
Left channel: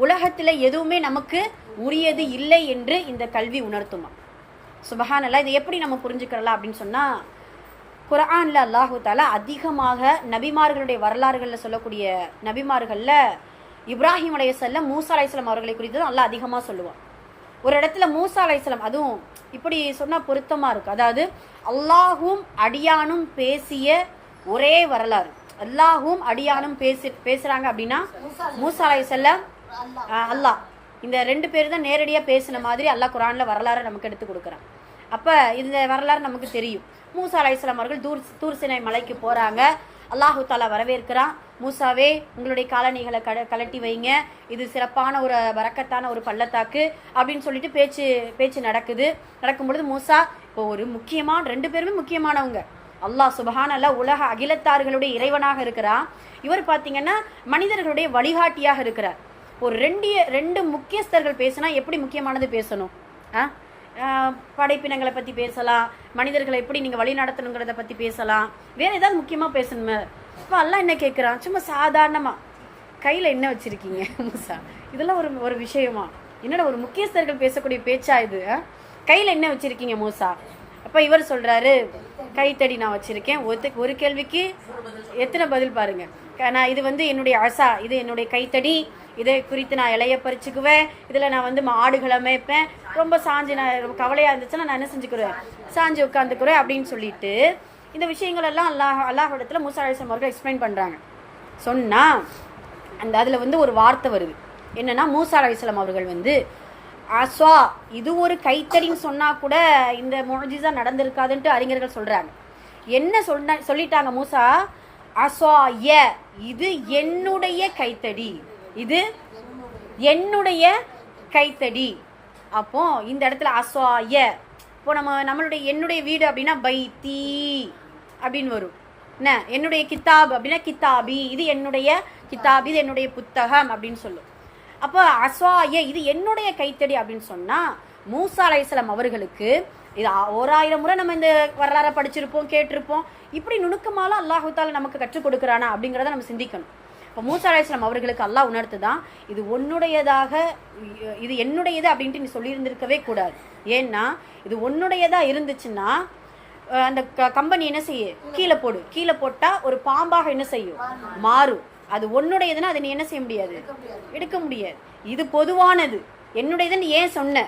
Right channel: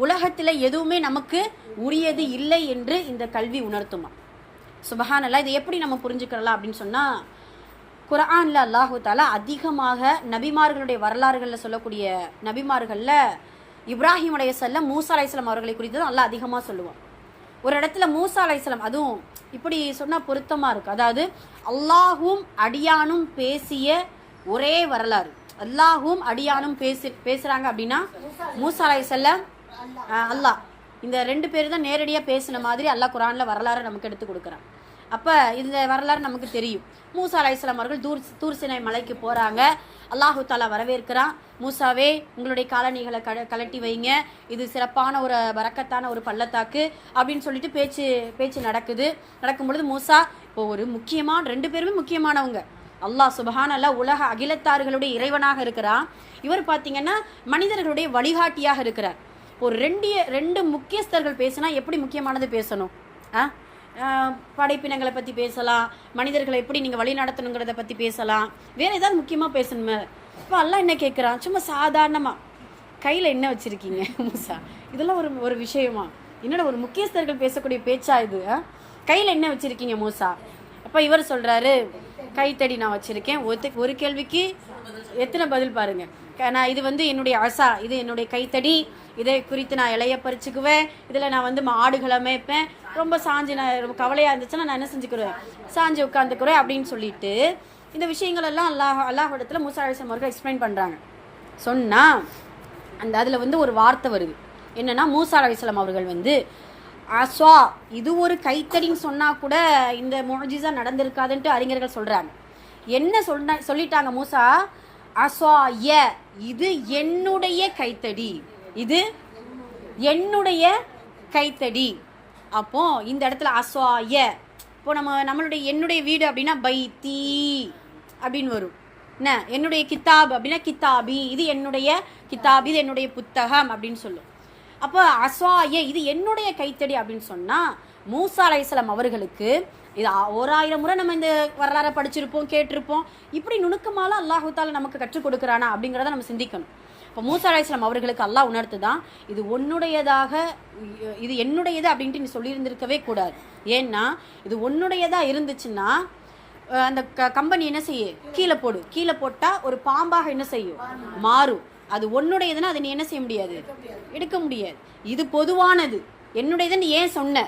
உலகத்தில் எதுவுமே நமக்கு உரியது இல்லை என்று இந்த கல்வி உணர்த்துமா. சுப்ஹானல்லாஹ். இதை எப்படி நம்ம புரிஞ்சுக்கலாம் அப்படின்னு சொன்னா, குர்ஆன்ல அல்லாஹு தஆலா அதிகமாக நபிமார்களுடைய வரலாறுகளில் சொல்லக்கூடிய நபிமார்கள்ல இப்ராஹிம் அலைஹிஸ்ஸலாம், மூசா அலைஹிஸ்ஸலாம் அவர்களை குறித்து அல்லாஹ் அதிகமாக சொல்லுவான். ஒரு இடத்துல மூசா அலைஹிஸ்ஸலாம், அதுவும் இப்படி சொன்னா பொருத்தமா இருக்கு, அதாவது அல்லாஹும் அடியானும் பேசிய ஒரே வரலாறு, அல்லாஹும் அடியானும் பேசுறாங்க அப்படின்னா மூசா அலைஹிஸ்ஸலாம் அல்லாஹ், இந்த 2 பேர் தான் நேரடியா பேசின மாதிரி அல்லாஹ் குர்ஆன்ல வரலாறு நமக்கு எடுத்து கொடுக்குறான். அப்ப இந்த வரலாறு நமக்கு தெரியும். மூசா அலைஹிஸ்ஸலாம் அவர்கள் தூர் சினை மலைக்கு போறாங்க, அல்லாஹு தஆலா வரவேற்கிறான், மூசாவே உங்களுடைய காலணிகளை கலட்டி வைங்க, இது சிறப்பான ஒரு பரக்கத்தான ஒரு பள்ளத்தாக்கு அப்படின்னு சொல்லிட்டு பேச்சு நடக்கும் பொழுது மூசா, இப்போ ஒரு முக்கியமான 2 பேருமே முக்கியமானவங்க, அல்லாஹ் சுப்ஹானல்லாஹ் உலக அகிலத்தார்களுடைய இறைவனாக இருக்கிறான், இவர் பாத்தீங்கன்னா மனிதர்களுடைய வழிகாட்டியாக இருக்கிறார். ஒரு 2 முக்கியஸ்தர்கள் பேசினா எப்படி முக்கியமானது பேசணும், படைப்பினங்களை பத்தி பேசலாம், மனிதர்களை எப்படி நீங்க வழி நடத்தணுங்கிறத பத்தி பேசலாம், வேற ஏதாவது முக்கியமா பேசணுமே. இப்ப அல்லாஹ் என்ன கேட்கிறான், சும்மா சாதாரணமா கையில என்ன வச்சிருக்கீங்க மூசா, இதெல்லாம் ஒரு விஷயமா, என்னடா ஒரு முக்கியஸ்தர்கள் பேசக்கூடிய பேச்சா இது, கையில என்ன வச்சிருக்கீங்க மூசா. அப்ப இவர் சொல்றாரு, கைத்தடி நான் வச்சிருக்கேன். ஒரு கேள்விக்கு எத்தனை பதில் பாருங்க. நான் இது வந்து என்னுடைய அசா, இது என்னுடைய கைத்தடி, இதை குறித்து நான் இலைய பறிச்சுக்குவேன், இதுல நான் வந்து ஆடுகளை மேய்ப்பேன், ரொம்ப சாஞ்சு நான் கவலையா இருந்துச்சுன்னா நான் என்ன செஞ்சுக்கிறேன், சாஞ்சு உட்காந்துக்கிறேன் அப்படின்னு சொல்லிட்டு இந்த விஷயங்கள் எல்லாம் அல்லாஹ்விடத்துல மூசா அலைஹிஸ்ஸலாம் அவர்கள் எக்ஸ்பிளைன் பண்றாங்க. சொன்னா அதுல வந்து ஒரு வார்த்தை வருது, என்னன்னா மூசா அலைஹிஸ்ஸலாம் அவர்கள் வந்து அஸ்வா, இது ஒரு கைத்தடின்னு சொன்னா கூட இந்த முஅஜிஸா நடந்திருக்காதுன்ட்டு அறிஞர்கள் சொல்றாங்க. என்ன சொல்லிட்டாங்க மூசா, அஸ்வாய, இது என்னுடைய கைத்தடி, இது என்னுடைய கைத்தடி. அப்போ இந்த இடத்துல அஸ்வாய, இப்போ நம்மளுடைய என்னுடைய வீடு அப்படின்னா பைத்தி அப்படின்னு வரும், என்ன என்னுடைய கிதாப் அப்படின்னா கிதாபி, இது என்னுடைய கிதாப், இது என்னுடைய புத்தகம் அப்படின்னு சொல்லும். அப்போ அஸ்வாய இது என்னுடைய கைத்தடி அப்படின்னு சொன்னா மூசா அலைஹிஸ்ஸலாம் அவர்களுக்கு இது 1000 முறை நம்ம இந்த வரலாறை படிச்சிருப்போம், கேட்டிருப்போம். இப்படி நுணுக்கமால அல்லாஹு தாலா நமக்கு கற்றுக் கொடுக்குறானா அப்படிங்கிறத நம்ம சிந்திக்கணும். இப்போ மூசா அலைஹிஸ்ஸலாம் அவர்களுக்கு அல்லாஹ் உணர்த்துதான், இது உன்னுடையதாக, இது என்னுடையது அப்படின்ட்டு நீ சொல்லியிருந்திருக்கவே கூடாது. ஏன்னா இது உன்னுடையதா இருந்துச்சுன்னா அந்த கம்பெனி என்ன செய்ய, கீழே போடு. கீழே போட்டா ஒரு பாம்பாக என்ன செய்யும், மாறும். அது உன்னுடையதுன்னா அதை நீ என்ன செய்ய முடியாது, எடுக்க முடியாது. இது பொதுவானது, என்னுடையதுன்னு ஏன் சொன்ன,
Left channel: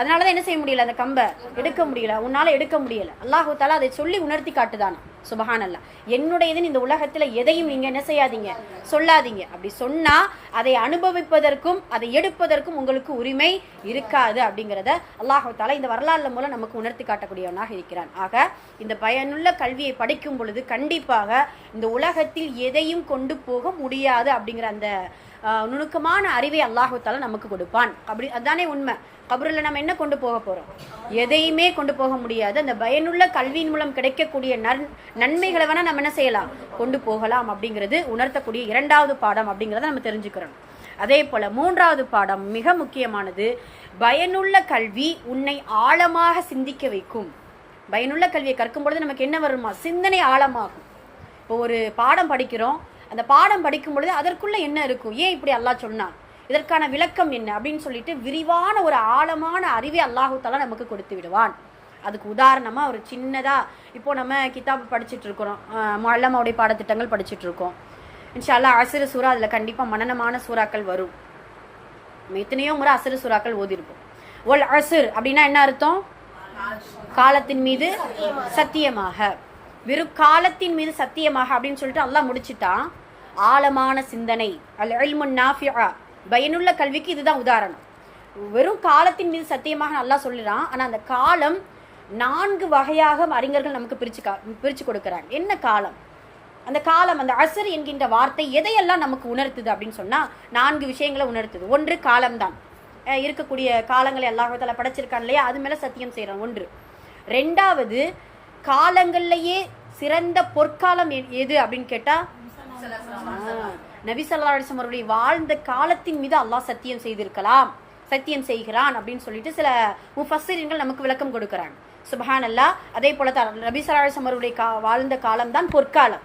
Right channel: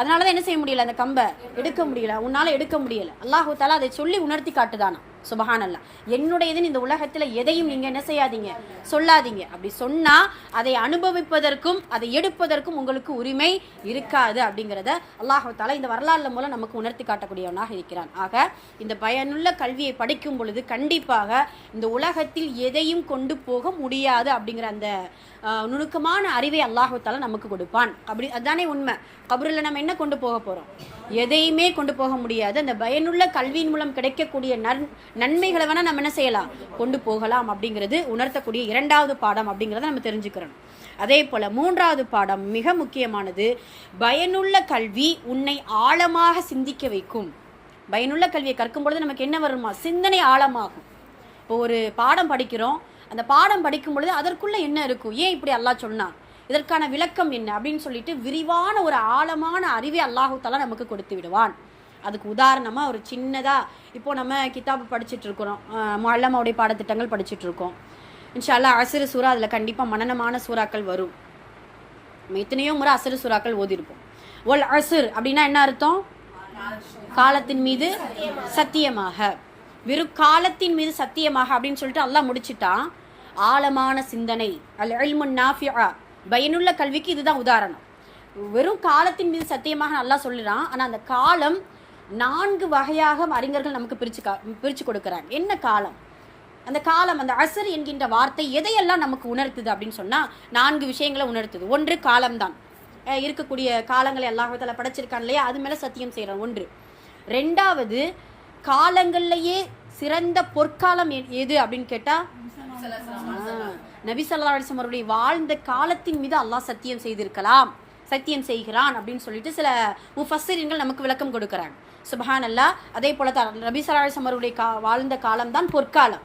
அதனாலதான் என்ன செய்ய முடியல, அந்த கம்பை எடுக்க முடியல, உன்னால எடுக்க முடியல. அல்லாஹு தாலா அதை சொல்லி உணர்த்தி காட்டுதானா. சுபஹானல்லா. என்னுடையதுன்னு இந்த உலகத்துல எதையும் நீங்க என்ன செய்யாதீங்க, சொல்லாதீங்க. அப்படி சொன்னா அதை அனுபவிப்பதற்கும் அதை எடுப்பதற்கும் உங்களுக்கு உரிமை இருக்காது அப்படிங்கிறத அல்லாஹு தாலா இந்த வரலாறுல மூலம் நமக்கு உணர்த்தி காட்டக்கூடியவனாக இருக்கிறான். ஆக இந்த பயனுள்ள கல்வியை படிக்கும் பொழுது கண்டிப்பாக இந்த உலகத்தில் எதையும் கொண்டு போக முடியாது அப்படிங்கிற அந்த நுணுக்கமான அறிவை அல்லாஹு தாலா நமக்கு கொடுப்பான். அப்படி அதுதானே உண்மை. கபரில் நம்ம என்ன கொண்டு போக போறோம், எதையுமே கொண்டு போக முடியாது. அந்த பயனுள்ள கல்வியின் மூலம் கிடைக்கக்கூடிய நன்மைகளை வேணா நம்ம என்ன செய்யலாம், கொண்டு போகலாம் அப்படிங்கிறது உணர்த்தக்கூடிய 2வது பாடம் அப்படிங்கிறத நம்ம தெரிஞ்சுக்கிறோம். அதே போல 3வது பாடம் மிக முக்கியமானது. பயனுள்ள கல்வி உன்னை ஆழமாக சிந்திக்க வைக்கும். பயனுள்ள கல்வியை கற்கும் பொழுது நமக்கு என்ன வருமா, சிந்தனை ஆழமாகும். இப்போ ஒரு பாடம் படிக்கிறோம், அந்த பாடம் படிக்கும் பொழுது அதற்குள்ள என்ன இருக்கும், ஏன் இப்படி அல்லாஹ் சொன்னான், இதற்கான விளக்கம் என்ன அப்படின்னு சொல்லிட்டு விரிவான ஒரு ஆழமான அறிவை அல்லாஹு தாலா நமக்கு கொடுத்து விடுவான். அதுக்கு உதாரணமா ஒரு சின்னதா இப்போ நம்ம கிதாபு படிச்சுட்டு இருக்கிறோம், முஅல்லமாவுடைய பாடத்திட்டங்கள் படிச்சுட்டு இருக்கோம். இன்ஷா அல்லாஹ் அஸ்ர் சூரா, அதுல கண்டிப்பா மனனமான சூறாக்கள் வரும். நம்ம எத்தனையோ முறை அஸ்ர் சூறாக்கள் ஓதிருப்போம். ஒல் அஸ்ர் அப்படின்னா என்ன அர்த்தம், காலத்தின் மீது சத்தியமாக, வெறும் காலத்தின் மீது சத்தியமாக அப்படின்னு சொல்லிட்டு அல்லாஹ் முடிச்சுட்டான். ஆழமான சிந்தனை, அல் இல்முன் நாஃபிஆ, பயனுள்ள கல்விக்கு இதுதான் உதாரணம். வெறும் காலத்தின் மீது சத்தியமாக அல்லாஹ் சொல்லுறான். ஆனா அந்த காலம் 4 வகையாக அறிஞர்கள் நமக்கு பிரிச்சு கொடுக்கிறாங்க. என்ன காலம், அந்த காலம், அந்த அஸ்ர் என்கின்ற வார்த்தை எதையெல்லாம் நமக்கு உணர்த்துது அப்படின்னு சொன்னா 4 விஷயங்களை உணர்த்துது. ஒன்று காலம்தான், இருக்கக்கூடிய காலங்களை அல்லாஹ் தஆலா படைச்சிருக்கான் இல்லையா, அது மேல சத்தியம் செய்யறான். ஒன்று. 2வது, காலங்கள்லயே சிறந்த பொற்காலம் எது அப்படின்னு கேட்டா நபி ஸல்லல்லாஹு அலைஹி வஸல்லம் அவருடைய வாழ்ந்த காலத்தின் மீது அல்லாஹ் சத்தியம் செய்திருக்கலாம், சத்தியம் செய்கிறான் அப்படின்னு சொல்லிட்டு சில முஃபஸ்ஸிரீன்கள் நமக்கு விளக்கம் கொடுக்கிறாங்க. சுப்ஹானல்லாஹ். அதே போல நபி ஸல்லல்லாஹு அலைஹி வஸல்லம் அவருடைய வாழ்ந்த காலம் தான் பொற்காலம்.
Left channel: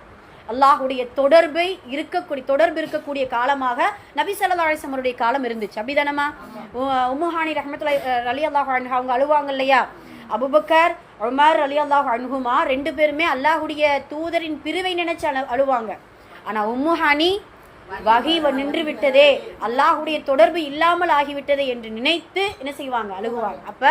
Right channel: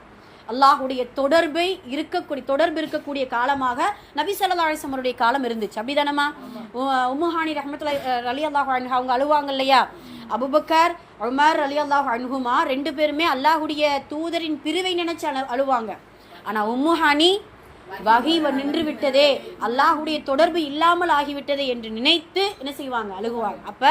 அல்லாஹுடைய தொடர்பு இருக்கக்கூடிய காலமாக நபி ஸல்லல்லாஹு அலைஹி வஸல்லம் அவருடைய காலம் இருந்துச்சு. அப்படிதானமா? உம்மு ஹானி ரஹ்மத்துல்லாஹி ரலியல்லாஹு அன்ஹா அவங்க அழுவாங்க இல்லையா, அபூபக்கர் உமர் ரலியல்லாஹு அன்ஹுமா 2 பேருமே அல்லாஹுடைய தூதரின் பிரிவை நினைச்சு அழுவாங்க. ஆனா உம்மு ஹானி வஹி நின்று விட்டதே, அல்லாஹுடைய தொடர்பு இல்லாமல் ஆகிவிட்டதே என்று நினைத்து என்ன செய்வாங்க, அழுகுவாங்க. அப்ப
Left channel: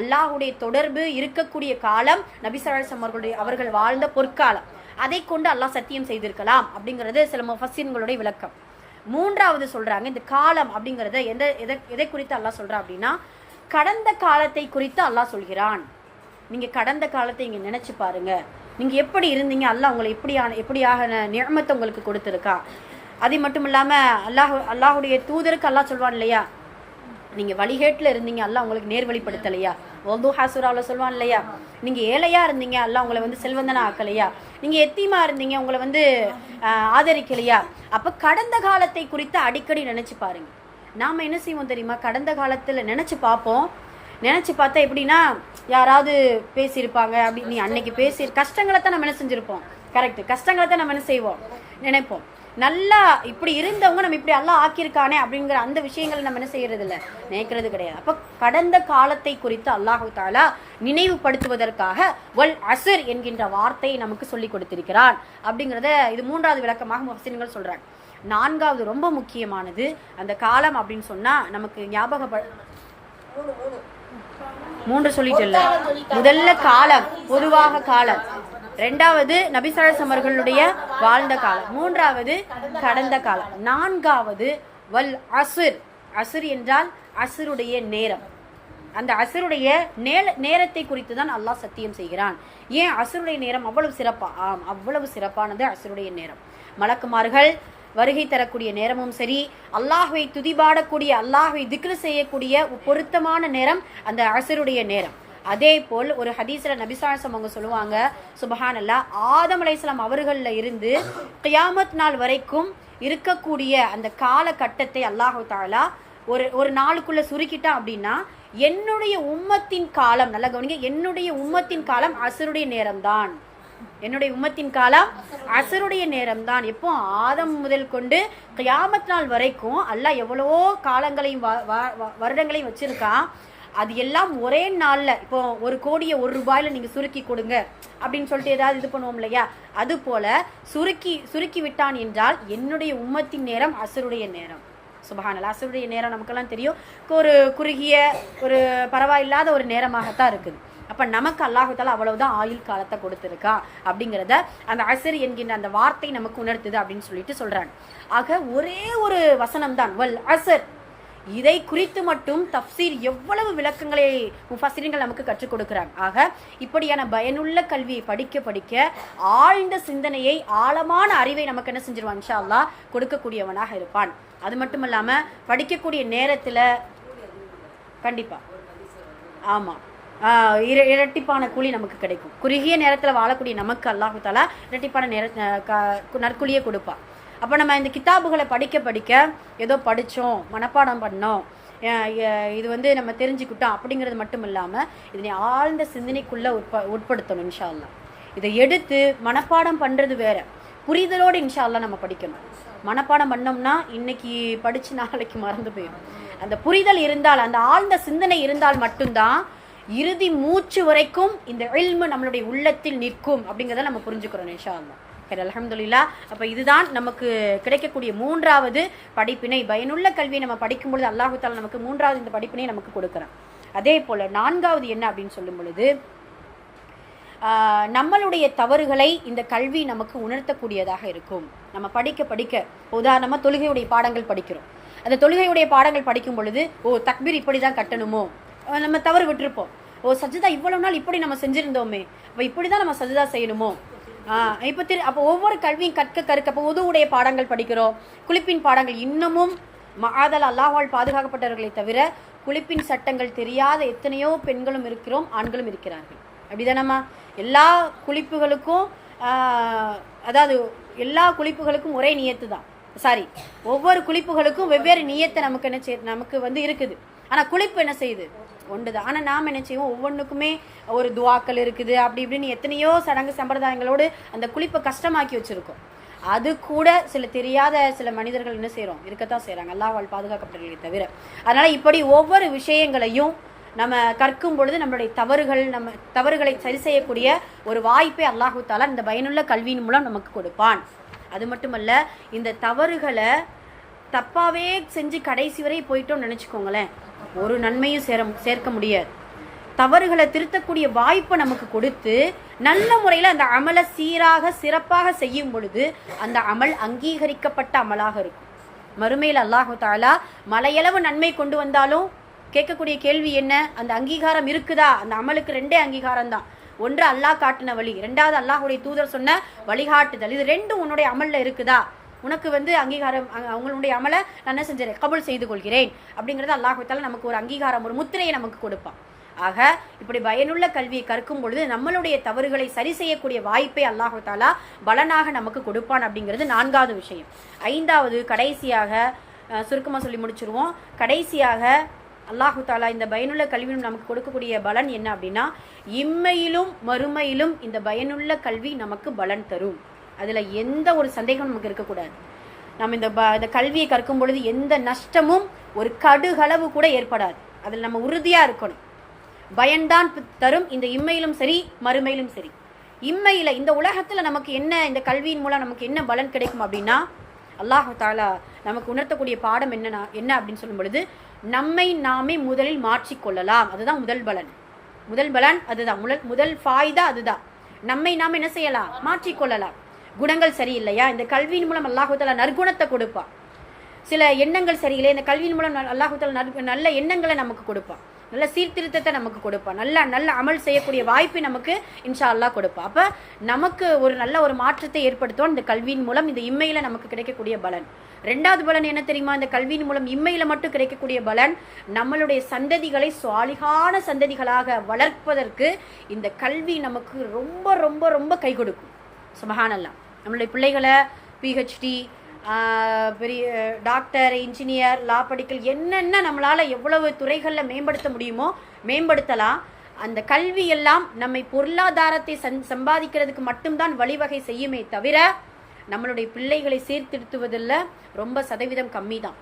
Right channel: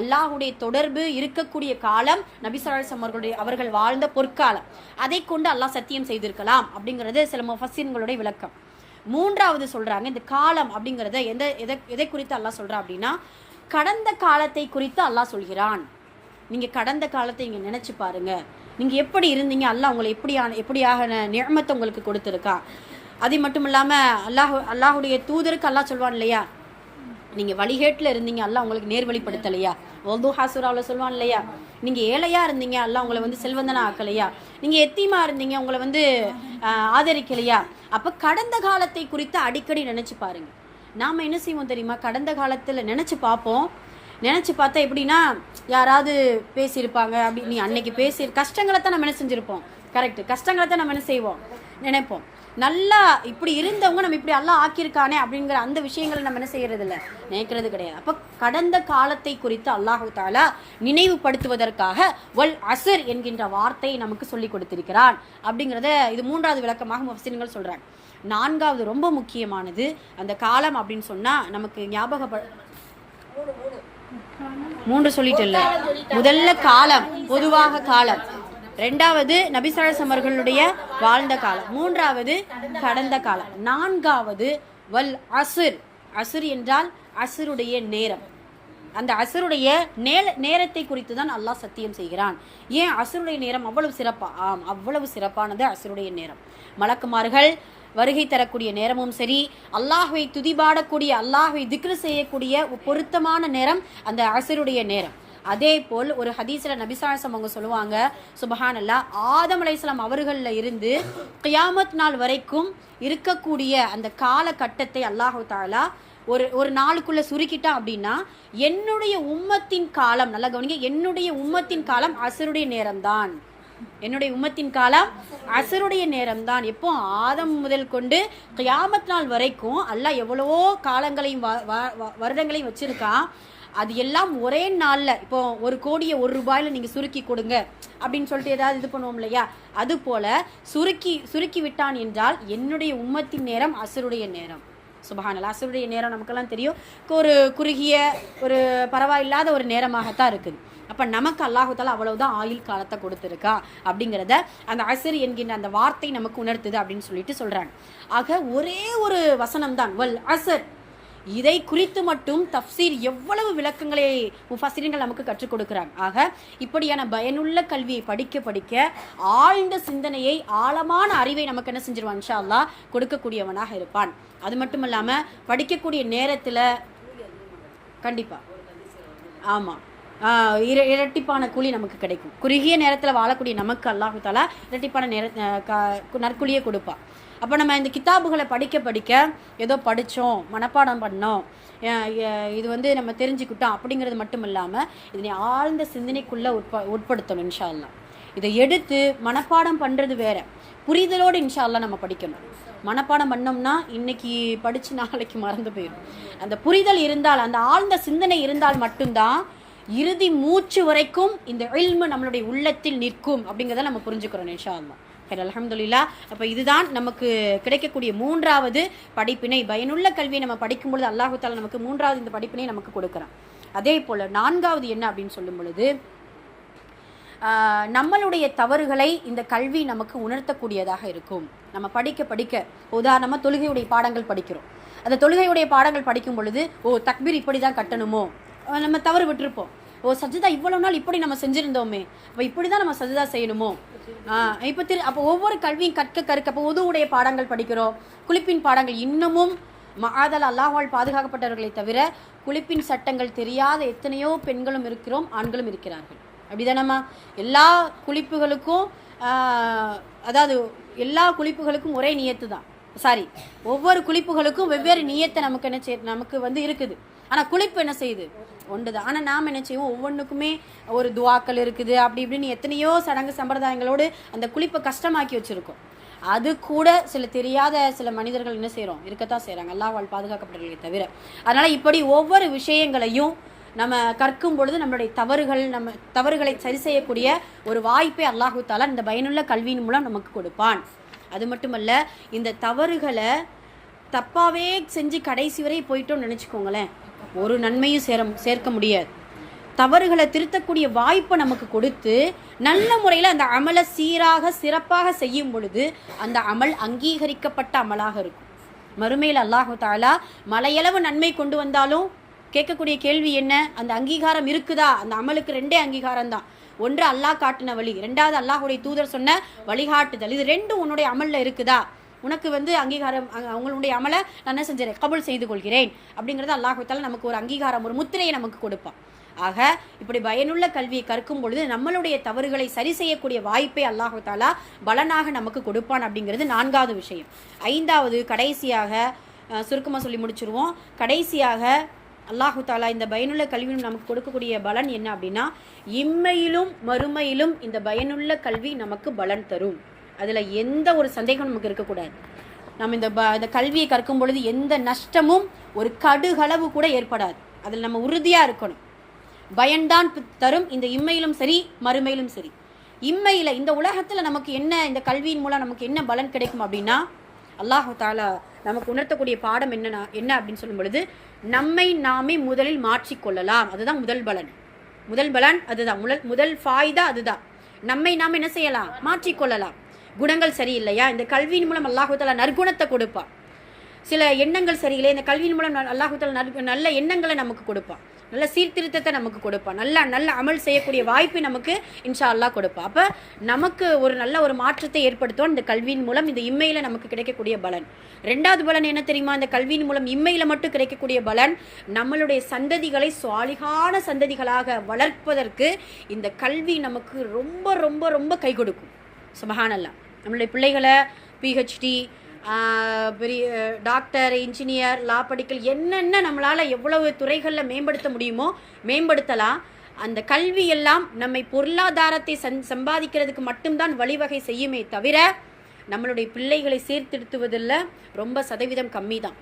அல்லாஹுடைய தொடர்பு இருக்கக்கூடிய காலம் நபி ஸல்லல்லாஹு அலைஹி வஸல்லம் அவர்கள் வாழ்ந்த பொற்காலம். அதை கொண்டு அல்லாஹ் சத்தியம் செய்திருக்கலாம் அப்படிங்கிறது சில முஃபஸ்ஸிரீன்களுடைய விளக்கம். 3வது சொல்றாங்க, இந்த காலம் அப்படிங்கறத எதை குறித்து அல்லாஹ் சொல்றா அப்படின்னா கடந்த காலத்தை குறித்து அல்லாஹ் சொல்கிறான். நீங்க கடந்த காலத்தை இங்க நினைச்சு பாருங்க, நீங்க எப்படி இருந்தீங்க, அல்லாஹ் உங்களை எப்படியாக நிஅமத்தை உங்களுக்கு கொடுத்திருக்கான். அது மட்டும் இல்லாம அல்லாஹுடைய தூதருக்கு அல்லாஹ் சொல்வான் இல்லையா, நீங்க வழிகேட்டுல இருந்தீங்க, அல்லாஹ் உங்களுக்கு நேர்வழிப்படுத்தலையா. வதுஹா சூராவுல சொல்வான் இல்லையா, நீங்க ஏழையா இருந்தீங்க, அல்லாஹ் உங்களை செல்வந்தனா ஆக்கலையா, நீங்க எத்தீமா இருந்தீங்க, உங்களை ஆதரிக்கலையா. அப்ப கடந்த காலத்தை குறித்து அடிக்கடி நினைச்சு பாருங்க. நாம என்ன செய்வோம் தெரியுமா, கடந்த காலத்துல நினைச்சு பார்ப்போம். நினைச்சு பார்த்தா எப்படின்னா யாராவது பேசியிருப்பாங்க, அப்படி நீ அன்னைக்கு பேசி கஷ்டங்களை தான் நம்ம என்ன செஞ்சிருப்போம், கரெக்ட், கஷ்டங்களை தான் நம்ம என்ன செய்வோம், நினைப்போம். நல்லா இப்படி இருந்தவங்க நம்ம இப்படி எல்லாம் ஆக்கியிருக்கானே அப்படிங்கிற அந்த விஷயங்களை நம்ம என்ன செய்யறது இல்லை, நினைக்கிறது கிடையாது. அப்ப கடந்த காலத்தை குறித்து அல்லாஹு தஆலா நினைவுபடுத்துவதற்காக வல் அஸ்ர் என்கின்ற வார்த்தையை நமக்கு சொல்லி கொடுத்திருக்கிறான் அப்படிங்கிறத இது 3வது விளக்கமாக முஃபஸ்ஸிரீன்கள் சொல்றாங்க. 4வது ரொம்ப முக்கியமானது, அந்த காலம் அப்படின்னு சொன்னா நமக்கு ஞாபகம் 3 சொல்லிட்டு இல்ல, முதல்ல காலம், பொதுவாக காலம். 2வது நபி ஸல்லல்லாஹு அலைஹி வஸல்லம் அவர்களுடைய வாழ்ந்த காலம். 3வது கடந்த காலம். 4வது வல் அஸ்ர். அஸ்ர் என்றால் அஸ்ருடைய நேரம். அந்த அஸ்ருடைய நேரத்தை குறித்து தான் அல்லாஹ் சத்தியம் செய்கிறான். ஏன் அஸ்ருடைய நேரம் அவ்வளவு சிறப்பா? அவ்வளவு சிறப்பானது அஸ்ருடைய நேரம். மலக்குமார்கள் வருகை தரக்கூடிய நேரமும் சரி, அல்லாஹ்வை துதிபாடக்கூடிய, அல்லாஹ்வை திக்ர் செய்யக்கூடிய பொருத்தமான நேரம் அந்த அஸ்ருடைய நேரம். அதே போல் ஒரு ஹதீஸ்ல நபி ஸல்லல்லாஹு அலைஹி வஸல்லம் அவங்க சொல்லுவாங்க, சுப்ஹானல்லாஹ், ஆதம் அலைஹிஸ்ஸலாம் அவர்கள்ல இருந்து கியாமத் நாள் வரைக்கும் இருக்கக்கூடிய அந்த காலகட்டத்தை அல்லாஹ் தஆலா ஒரு நாளுக்குள்ள சுருக்கிட்டான் அப்படின்னா, என்னுடைய உம்மத்தின் காலம், நல்லா கவனிங்க, என்னுடைய உம்மத்தின் காலம் அசருடைய நேரம்தான். என்னுடைய உம்மத்தின் காலம் அசருடைய நேரம் தான். எப்போ ஆதம் முதல் கொண்டு கியாமத் நாள் வரைக்கும் அல்லாஹ் எவ்வளவோ காலங்களையும் வருடங்களையும் வச்சிருக்கான். அது எல்லாம் ஒரே நாள்ல, இப்போ 1 கோடியை 1 ரூபாயில நீங்க சுருக்கி கொடுங்க அப்படின்னு சொல்லிட்டு ஏதாவது இது பண்ணுவோம் இல்லையா, அது போல சுருக்கி விட்டான் என்றால் என்னுடைய உம்மத்தின் நேரம் அசருடைய நேரம். சுபஹானல்லாஹ், அசருடைய நேரம் நமக்கெல்லாம் தெரியும், ஒரு குறுகிய ஒரு பரவாயில்லாத ஒரு நேரமாகத்தான் இருக்குது. அப்ப நமக்கு அல்லாஹ் தஆலா அவ்வளவுதான் ஆயுள் காலத்தை கொடுத்திருக்கா அப்படிங்கிறத அந்த அசர் என்கின்ற அந்த வார்த்தை நமக்கு உணர்த்துது அப்படின்னு சொல்லிட்டு சொல்றாங்க. ஆக ஒரே ஒரு வசனம் தான் வல் அசர். இதை குறித்து மட்டும் தஃப்சீர் எவ்வளவு விளக்கங்களை முஃபஸ்ஸிரீன்கள் நமக்கு கற்றுக் கொடுக்கிறாங்க. ஆக இப்படியான பயனுள்ள கல்வியை படிக்க படிக்க ஆழ்ந்த சிந்தனையை, ஆழமான அறிவை நமக்கு என்ன செஞ்சிருவான், இன்ஷா அல்லாஹ் கொடுக்கக்கூடியவனாக இருப்பான். அது மட்டும் இல்லாம படிக்கக்கூடிய நேரத்துல கண்டிப்பா ஆமா இரட்டிப்பான கூலி நமக்கு கிடைக்கும். குறுகிய நேரத்தில் வாழக்கூடிய நமக்கு அல்லாஹ் தஆலா இரட்டிப்பான நற்கூலியை கொடுப்பா. அப்போ நம்ம இந்த கிதாபுகளை படிக்க படிக்க ஏதோ படித்தோம், மனப்பாடம் பண்ணோம், இது வந்து நம்ம தெரிஞ்சுக்கிட்டோம் அப்படிங்கிறது மட்டும் இல்லாமல் இதனை ஆழ்ந்த சிந்தனைக்குள்ளே உட்படுத்தணும். இன்ஷா அல்லாஹ் இதை எடுத்து மனப்பாடம் பண்ணுறது வேற, புரிதலோடு இன்ஷா அல்லாஹ் நம்ம படிக்கணும். மனப்பாடம் பண்ணோம்னா இன்னைக்கு படித்து நாளைக்கு மறந்து போயிடும். அந்த புரிதல் இருந்தால், அந்த ஆழ்ந்த சிந்தனை இருந்தால் மட்டும்தான் இறுதி மூச்சு வரைக்கும் இந்த இல்மு நம்மளுடைய உள்ளத்தில் நிற்கும் அப்படிங்கிறத நம்ம புரிஞ்சுக்கிறோம் இன்ஷா அல்லாஹ். சரி, அல்ஹம்துலில்லாஹ். அப்போ இதுதான் நமக்கு கிடைக்கக்கூடிய 3வது படிப்பினை. பயனுள்ள கல்வியை நம்ம படிக்கும் பொழுது அல்லாஹ் தஆலா நமக்கு 3வது இந்த படிப்பினை நமக்கு கொடுக்குறான். அதே போல் 4வது என்ன அப்படின்னு சொல்லும் பொழுது, நம்மளுடைய தவறுகளை இந்த கல்வி நமக்கு உணர்த்தக்கூடியதாக இருக்கும். நம்ம படிக்க படிக்க, உதாரணமாக தொழுகையுடைய பாடங்கள் படிக்கிறோம். அந்த தொழுகையுடைய பாடங்கள் படிக்கும் பொழுது, தக்பீர் இப்படி தான் கட்டணுமோ, நம்ம தவறு விட்டுருப்போம். சஜ்ஜதா இவ்வளவு நாள் இப்படி நம்ம செஞ்சிருந்தோமே, அப்போ இப்படி தான் நம்ம சஜ்ஜதா செய்யணுமோ. அப்போ ஒவ்வொரு கல்வியும் கற்க அப்போ உதுவுடைய பாடங்கள் படிக்கிறோம், குளிப்பின் பாடங்கள். இன்னமும் மஆதல் அல்லாஹ்வால் பாதுகாக்கப்பட்டவர்களை தவிர குளிப்பின் சட்டங்கள் தெரியாத எத்தனையோ பெண்களும் இருக்கிறோம், ஆண்களும் இருக்கிறார்கள். அப்படிதானம்மா? எல்லா குளிப்புகளுக்கும் அதாவது எல்லா குளிப்புகளுக்கும் ஒரே நியத்து தான். ஒவ்வொரு குளிப்புகளுக்கும் வெவ்வேறு நியத்தை நமக்கு வந்து இருக்குது. ஆனால் குளிப்பு என்ன செய்யுது, ஒன்றுதான். ஆனால் நாம் என்ன செய்வோம், ஒவ்வொன்றுக்குமே ஒரு துவாக்கள் இருக்குது, அப்படி இப்படின்னு எத்தனையோ சடங்கு சம்பிரதாயங்களோடு அந்த குளிப்பை கஷ்டமாக்கி வச்சுருக்கோம். அது கூட சில சில மனிதர்கள் என்ன செய்கிறோம், இருக்கத்தான் செய்கிறாங்க, அல்லாஹ்வால் பாதுகாக்கப்பட்டவர்களை தவிர. அதனால் இப்படி ஒவ்வொரு விஷயங்களையும் நம்ம கற்கும் பொழுது நம்மளுடைய தவறுகளை சரி செய்யக்கூடிய ஒரு வாய்ப்பை அல்லாஹ் தஆலா இந்த பயனுள்ள கல்வியின் மூலம் நமக்கு கொடுப்பான். அது மட்டுமல்ல, இந்த தவறுகளை தப்பாவே செஞ்சு கடைசி வரை போயிட்டோம்னு நினச்சிக்கோங்களேன், ஒரு நன்மையும் சேர்க்க முடியாது. தவறுகளை திருத்தக்கூடிய வாய்ப்பை நமக்கு கொடுத்து நல்ல முறையில் அந்த அமலை சீராக சிறப்பாக செய்யும் பொழுது அந்த அமல் அங்கீகரிக்கப்பட்ட அமலாக இருக்கும். மறுமையில் அல்லாஹ் தஆலா மலையளவு நன்மை கொண்டு வந்தாலும் கேட்கக்கூடிய கேள்வி என்ன, அந்த அங்கீகாரம் இருக்குதா? அந்த அமலுக்கு 2 அங்கீகாரம் தான். ஒன்று அல்லாஹ் காட்டின வழி, 2வது அல்லாஹ்வுடைய தூதர் சொன்ன வழிகாட்டுதல். இது 2ம் உன்னுடைய அமல்ல இருக்குதா? உனக்கு வந்து அங்கீகாரம், அவங்களுடைய அமலை நான் என்ன செஞ்சேன், கபூல் செய்து கொள்கிறேன் அப்படிங்கிறது அல்லாஹ் தஆலா நமக்கு ஒரு அங்கீகாரம், ஒரு முத்திரையை நமக்கு கொடுப்பான். ஆக இப்படி பயனுள்ள கல்வியை கற்கும் பொழுது நம்மளுடைய தவறுகளை சரி செய்யக்கூடிய வாய்ப்பை அல்லாஹ் தஆலா பலனாக நமக்கு கொடுப்பான் அப்படிங்கிறது 4வது விஷயம். 5வது கடைசியாக சுருக்கமாக சொல்லி முடிச்சிருவோம். கடைசியாக அல்லாஹ் தஆலா இந்த பயனுள்ள கல்வியும் நமக்கு கொடுக்கக்கூடிய பலன் என்ன அப்படின்னா, இம்மையிலும் மறுமையிலும் இந்த பயனுள்ள கல்வி நமக்கு பலன் தரும். அதில் எந்த ஒரு சந்தேகமும் நமக்கு இருக்கக்கூடாது. நம்ம இந்த கல்வியை கற்கும் பொழுது எந்த நஷ்டமும் ஒரு கடுகளவு கூட ஏற்படாது. அதில் நம்ம உறுதியாக இருக்கணும். பயன்தான் தரும், இந்த இம்மையிலும் சரி மறுமையிலும் சரி. இம்மையில் இந்த உலகத்தில் நமக்கு என்ன, இந்த கல்வியின் மூலம் நமக்கு என்ன பலன் கிடைக்கும் அப்படின்னா, அல்லாஹ் தஆலா நமக்கு உணர்த்தக்கூடிய பாடம் என்ன அப்படின்னு சொல்லும் பொழுது, நம்மை நாமே முதலில் மாற்றிக்கொள்ளலாம். அதுதான் முதல் பலன் அதுதான். முதல் ஃபாயிதா அதுதான். நம்மை நாம் என்ன செய்யலாம், மாற்றிக்கொள்ளலாம். குணங்கள் சரியில்லையா, இந்த கல்வியின் மூலம் அல்லாஹ் தஆலா நற்குணத்தை கொடுப்பான். சில எண்ணங்கள் சரியில்லை, இந்த கல்வியின் மூலம் அல்லாஹ் தஆலா நல்ல எண்ணங்களை நமக்கு கொடுப்பான். நல்ல சீர்திருத்தத்தை நமக்கு கொடுப்பான், நல்ல நல்ல அமல் செய்யக்கூடிய வாய்ப்பை நமக்கு இன்ஷா அல்லாஹ் கொடுப்பான். அப்போ நமக்கு ஒரு நல்ல ஒரு மாற்றத்தை ஏற்படுத்துவோம் இந்த கல்வியின் மூலம். இந்த இம்மையில் நமக்கு கிடைக்கக்கூடிய பலன். ரெண்டாவது பலன் என்ன தெரியுமா? இந்த கல்வியின் மூலம் இம்மையில் மட்டும் கிடைக்கக்கூடிய பலன், நம்மளுடைய சந்ததிகளை சுவாலிகான சந்ததிகளாக வளர்ப்பதற்கு இந்த கல்வி நமக்கு ரொம்ப ரொம்ப ரொம்ப கை கொடுக்கும். சுபஹானல்லாஹ். நம்மளுடைய பிள்ளைகளை பிஹெச்டி, பெரிய டாக்டர், இன்ஜினியர், லா படிக்கல், என்னென்ன நம்மளால் எவ்வளவு துறைகளில் மேம்படுத்த முடியுமோ மேம்படுத்தலாம். அந்த கல்வி எல்லாம் நம்மை பொருளாதாரத்தை சம்பாதிக்கிறதுக்கு மட்டும்தான் வழிவகை செய்யுமே தவிர நம்மளுடைய பிள்ளைகளை சீர்திருத்துவதில் ரொம்ப சதவீதம் கம்மி தான்.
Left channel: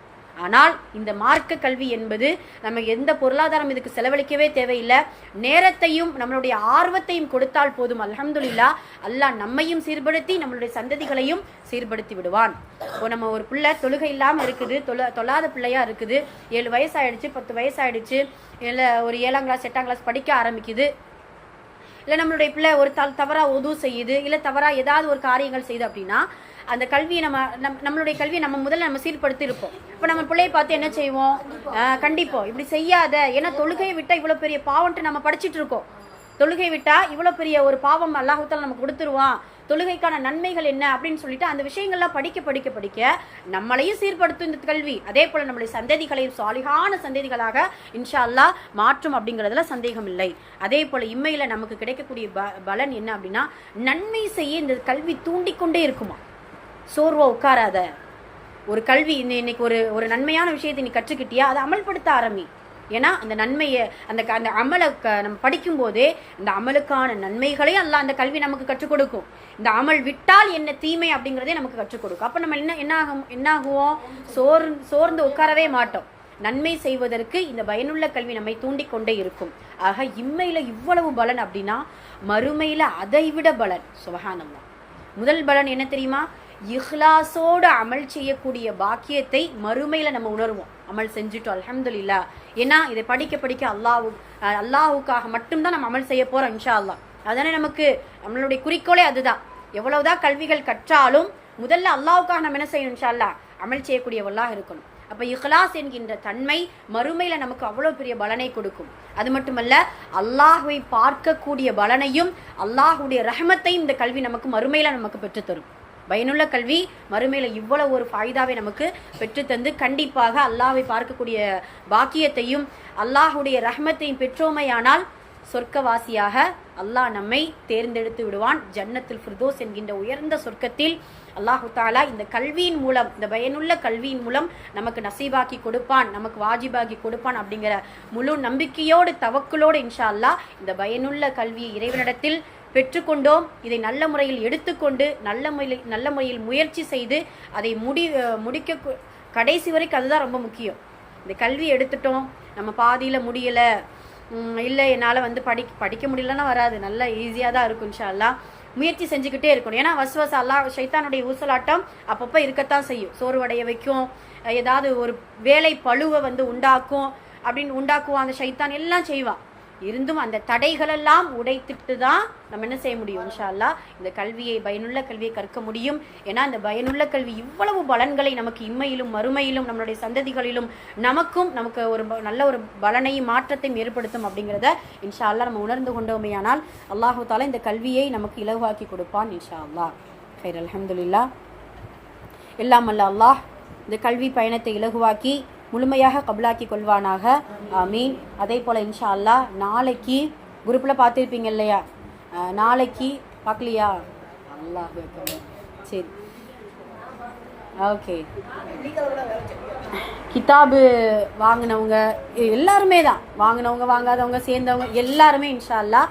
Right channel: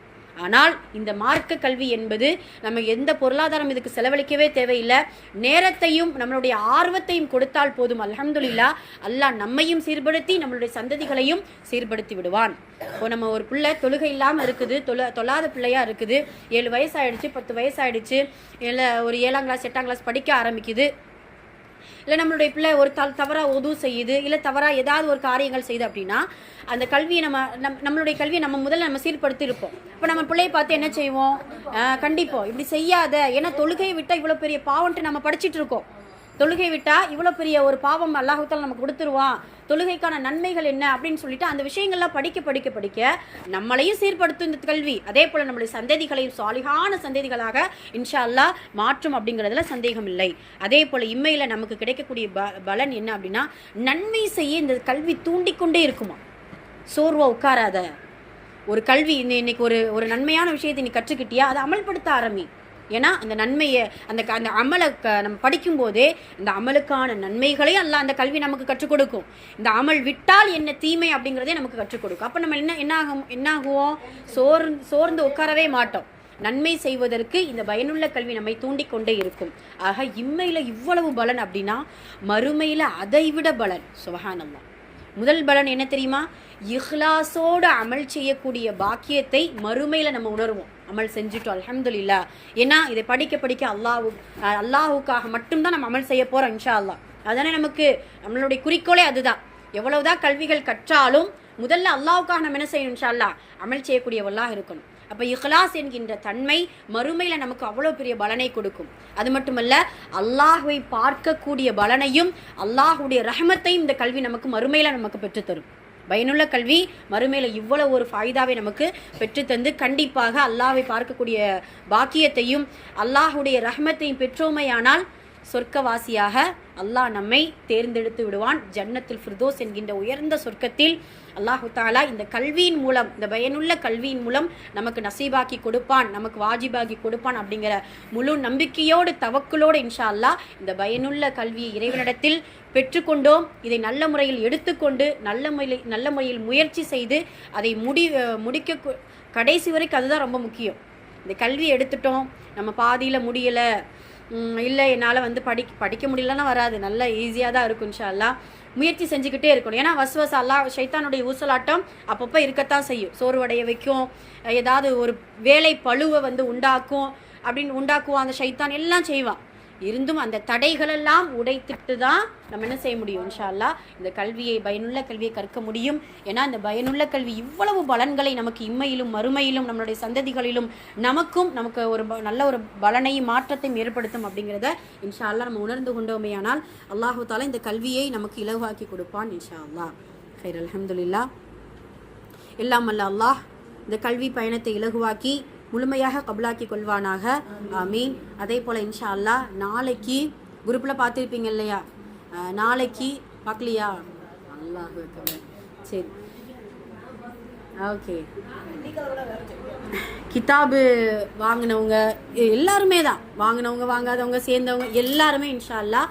ஆனால் இந்த மார்க்க கல்வி என்பது நம்ம எந்த பொருளாதாரம் இதுக்கு செலவழிக்கவே தேவையில்லை. நேரத்தையும் நம்மளுடைய ஆர்வத்தையும் கொடுத்தால் போதும். அல்ஹம்துலில்லாஹ், அல்லாஹ் நம்மையும் சீர்படுத்தி நம்மளுடைய சந்ததிகளையும் சீர்படுத்தி விடுவான். இப்போ நம்ம ஒரு பிள்ளை தொழுகை இல்லாமல் இருக்குது, தொழாத பிள்ளையா இருக்குது, 7 வயசாயிடுச்சு, 10 வயசாயிடுச்சு, இல்லை ஒரு 7ஆம் கிளாஸ் 8ஆம் கிளாஸ் படிக்க ஆரம்பிக்குது, இல்லை நம்மளுடைய பிள்ளை ஒரு தவறாக உது செய்யுது, இல்லை தவறாக ஏதாவது ஒரு காரியங்கள் செய்யுது அப்படின்னா அந்த கல்வியை நம்மளுடைய கல்வியை நம்ம முதல்ல நம்ம சீர்படுத்தி இருப்போம். இப்போ நம்ம பிள்ளையை பார்த்து என்ன செய்வோம்? கண்டிப்போம் இப்படி செய்யாத, ஏன்னா தொழுகையை விட்டால் இவ்வளோ பெரிய பாவம்ட்டு நம்ம படிச்சுட்டு இருக்கோம். தொழுகை விட்டால் இவ்வளோ பெரிய ஒரு பாவம் அல்லாஹ் தஆலா நமக்கு கொடுத்துருவான், தொழுகைக்கான நன்மைகள் என்ன அப்படின்னு சொல்லிட்டு அந்த விஷயங்கள்லாம் படிக்க நம்மளையும் சீர்படுத்தும் இந்த கல்வி. அதே போல நம்மளுடைய சந்ததிகளையும் சாலிகான சந்ததிகளாக இன்ஷா அல்லாஹ் மாற்றும் அப்படிங்கிறதுல சந்தேகம் இல்லை. அதே போல இம்மையில நமக்கு கிடைக்கக்கூடிய பலன் என்ன அப்படின்னா, நன்மை செய்ய இந்த கல்வி தூண்டிக்கொண்டே இருக்குமா. சோர்வா உட்காராத. ஒரு கல்வி இன்னைக்கு ஒரு நன்மையான விஷயத்தை நீ கற்றுக்கிட்டியா, அதை அமல்படுத்த ஆரம்பி. ஏன்னா அந்த நன்மையை அந்த அமலை நம்ம படிக்கும் போதே இந்த அமலுக்கான நன்மைகளையும் அல்லாஹ் அந்த கல்வி நமக்கு கற்றுக் கொடுக்கும். இந்த அமல் விட்டால் என்ன தீமை அப்படிங்கிறதே நமக்கு கற்றுக் கொடுக்கும். அப்போ நம்ம என்ன ஆகுவோம்? சோர்ந்து உட்காரவே மாட்டோம். நன்மை செய்வதற்கு இந்த பயனுள்ள கல்வி நம்மை தூண்டிக்கொண்டே இருக்கும். ஆக இம்மையில இவ்வளவு பலன் அப்படின்னா மறுமையில அதைவிட பலன். சுப்ஹானல்லாஹ். முதல் பலன் என்ன தெரியுமா? இஹ்லாஸோடு அமல் செய்யக்கூடிய பாக்கியத்தை மறுமையில நம்ம உணர்வோம். அமல் செஞ்சுட்டோம் அல்ஹம்துலில்லாஹ். ஏன்னா இதை படிக்க அல்லாஹுக்காக மட்டும்தான் நம்ம அமல் செய்ய போறோம் இன்ஷா அல்லாஹ். அதானே நமக்கு நம்மளுடைய குறிக்கோளே அதுதான். எவ்வளவுதான் கல்விகள் கற்றாலும் முதல்ல அல்லாஹுக்காக நம்ம என்ன செய்யணும்? இன்ஷா அல்லாஹ் அமல் செய்யக்கூடியவர்களாக இருக்கணும். அப்ப இஹ்லாஸ் என்கின்ற தன்மை மறுமையில நமக்கு அவ்வளவு பெரிய பலனை கொடுக்கும். அது மட்டுமல்ல, அல்லாஹுவை பார்க்கக்கூடிய பலனையும் அல்லாஹுடைய ரஹமத்தையும் இந்த கல்வி நமக்கு மறுமையில நமக்கு பெற்றுத்தரும். பயனுள்ள கல்வி மறுமையில இவ்வளவு ஒரு ஃபாய்தாவை நமக்கு பெற்றுத்தந்து கண்டிப்பாக அல்லாஹ்வை பார்க்கக்கூடிய பாக்கியத்தையும் அல்லாஹுடைய ரஹமத்தையும் பெற்றோமையானால் சொர்க்கவாசியாக அல்லாஹ் நம்மை தேர்ந்தெடுத்து விடுவான். ஜன்னத்துல் ஃபிர்தோஸ் என்கின்ற உயர்ந்த சொர்க்கத்தில் அல்லாஹு தாலா இந்த கல்வியின் மூலம், இந்த பயனுள்ள கல்வியின் மூலம் நமக்கு நசீபாக்கி கொடுப்பான், நமக்கு வாஜிபாக்கி கொடுப்பான் அப்படிங்கிற முழு நம்பிக்கையோடு தவக்குலோடு இன்ஷா அல்லாஹ் இந்த பயனுள்ள கல்வியை இறைவனிடத்தில் பெற்றுக்கொண்டோம். இதை நல்ல முறையில் எடுத்துக்கொண்டு நல்ல முறையில் முயற்சி செய்து அதை முடிக்க கடைசி வரைக்கும் அதுதான் ரொம்ப முக்கியம். இந்த கல்வி எடுத்துட்டோம், நம்ம பாதியில் முடியலை, இல்லை என்னால் படிக்க முடியலன்னா வராது, நல்லா ஈஸியாக தான் இருக்கும் இன்ஷா அல்லாஹ். முயற்சி செஞ்சுக்கிட்டே இருக்கணும். ஏன்னா வசுவஸ் அல்லாஹ் ஷைத்தானுடைய ஊசலாட்டம் அப்பப்போ இருக்கத்தான் செய்யும். சோர்வடைய வைக்கும், ஏதாவது ஒரு வேலை பழுவை உண்டாக்குவோம் அந்த ஷைத்தான் எல்லாம் செய்வான். இருந்தும் அந்த தடைகளெல்லாம் உடைத்துட்டு தான் நம்ம என்ன செய்ய முடியும்? இன்ஷா அல்லாஹ் இந்த கல்வியை, பயனுள்ள கல்வியை கற்க முடியும். ஏன்னா அந்த பயனுள்ள கல்வி இவ்வளவு பலன்களை நமக்கு இம்மையிலும் மறுமையிலும் நம்மளுடைய சந்ததிகளிலும் நமக்கு ஒரு நல்ல ஒரு பலனையும் மாற்றத்தையும் ஏற்படுத்தும் அப்படிங்கிறத இன்ஷா அல்லாஹ் நம்ம உணர்ந்து கொண்டோமேயானால் அல்லாஹு தாலா இந்த கல்வியை நமக்கு இலகுவாக்கி கொடுப்பான் இன்ஷா அல்லாஹ். ஹைர். அல்ஹம்துலில்லாஹ். எல்லாம் அல்ல அல்லாஹ் இந்த கல்வி பயணத்தை இலகுவாக்கி முழுமையாக கபுலாக்கி கொள்வானாக. ஆமீன். அதே போல் இன்ஷா அல்லாஹ் நாளைக்கு குரூப்பில் பார்த்துருப்பீங்க இல்லையா? நாளைக்கு பார்க்கலையா? அல்லாஹ் சரி, ஓகே. கிதாபு வாங்கினவங்க எல்லாருமே தான், வாங்காதவங்க சேர்ந்தவங்க எல்லாருமே இன்ஷா அல்லாஹ்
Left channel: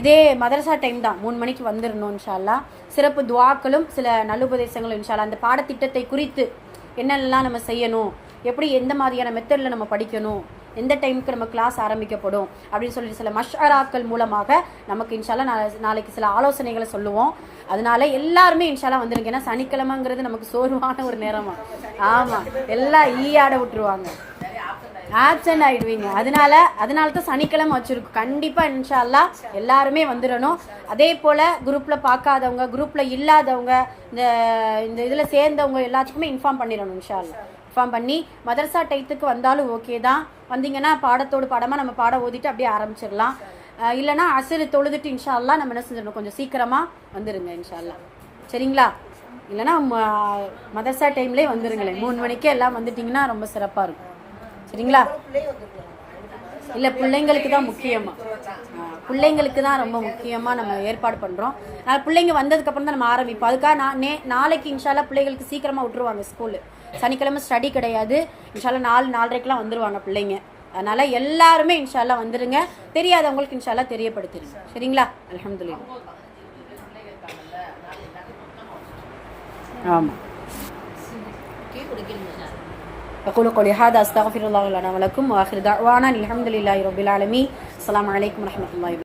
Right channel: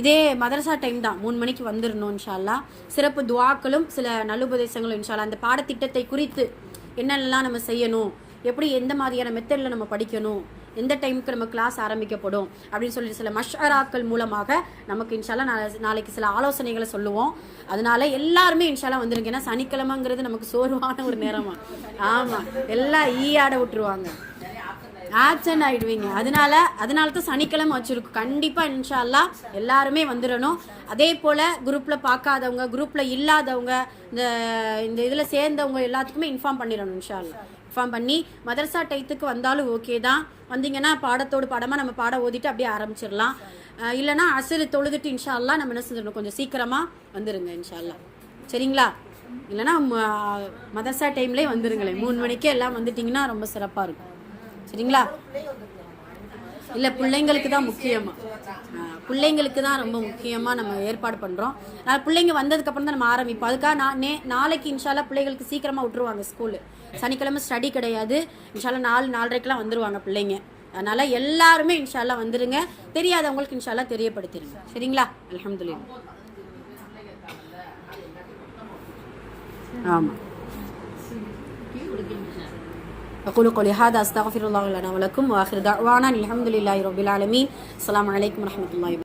இதே மதரசா டைம் தான், 3 மணிக்கு வந்துடணும் இன்ஷா அல்லாஹ். சிறப்பு துஆக்களும் சில நல்லுபதேசங்களும் இன்ஷா அல்லாஹ். அந்த பாடத்திட்டத்தை குறித்து என்னெல்லாம் நம்ம செய்யணும், எப்படி எந்த மாதிரியான மெத்தடில் நம்ம படிக்கணும், எந்த டைமுக்கு நம்ம கிளாஸ் ஆரம்பிக்கப்படும் அப்படின்னு சொல்லிட்டு சில மஷ்அராக்கள் மூலமாக நமக்கு இன்ஷால்லா நாளைக்கு சில ஆலோசனைகளை சொல்லுவோம். அதனால எல்லாருமே இன்ஷால்லா வந்துருங்க. ஏன்னா சனிக்கிழமைங்கிறது நமக்கு சோர்வான ஒரு நேரமா. ஆமாம், எல்லாம் ஈயாட விட்டுருவாங்க, ஆப்சன்ட் ஆகிடுவீங்க. அதனால தான் சனிக்கிழமை வச்சுருக்கோம். கண்டிப்பாக இன்ஷா அல்லாஹ் எல்லாருமே வந்துடணும். அதே போல் குரூப்பில் பார்க்காதவங்க, குரூப்பில் இல்லாதவங்க, இந்த இதில் சேர்ந்தவங்க எல்லாத்துக்குமே இன்ஃபார்ம் பண்ணிடணும் இன்ஷா அல்லாஹ். ஃபார்ம் பண்ணி மதரசா டைத்துக்கு வந்தாலும் ஓகே தான். வந்தீங்கன்னா பாடத்தோடு பாடமாக நம்ம பாடம் ஓதிட்டு அப்படியே ஆரம்பிச்சிடலாம். இல்லைனா அசரு தொழுதுட்டு இன்ஷா அல்லாஹ் நம்ம என்ன செஞ்சிடணும், கொஞ்சம் சீக்கிரமாக வந்துடுங்க இன்ஷா அல்லாஹ். சரிங்களா? இல்லைனா மதரசா டைம்லேயே வந்துடுங்களேன், 3 மணிக்கே எல்லாம் வந்துட்டிங்கன்னா ரொம்ப சிறப்பாக இருக்கும். சரிங்களா? இல்லை, பிள்ளைங்களுக்கு தான் முக்கியமாக, பிள்ளைங்களுக்கு தான் ரொம்ப முக்கியமாக நம்ம ஏற்பாடு பண்ணுறோம். அதனால் பிள்ளைங்க வந்ததுக்கப்புறம் தான் நம்ம ஆரம்பிப்போம். அதுக்காக நாளைக்கு இன்ஷால்லா பிள்ளைகளுக்கு சீக்கிரமாக விட்டுருவாங்க ஸ்கூலு. சனிக்கிழமை ஸ்டடி கிடையாது. இன்ஷால்லா 4-4:30க்கெலாம் வந்துடுவாங்க பிள்ளைங்க. அதனால் எல்லாருமே இன்ஷால்லா வந்துடுங்க. தெரியாதவங்களுக்கு இன்ஷால்லா தெரியப்படுத்திடுங்க. சரிங்களா? அல்ஹம்துலில்லாஹ். ஆமாம். أقول قولي هذا أستغفر الله لنا ولكم وآخر دعوانا الحمد لله رب العالمين. السلام عليكم ورحمة الله وبركاته.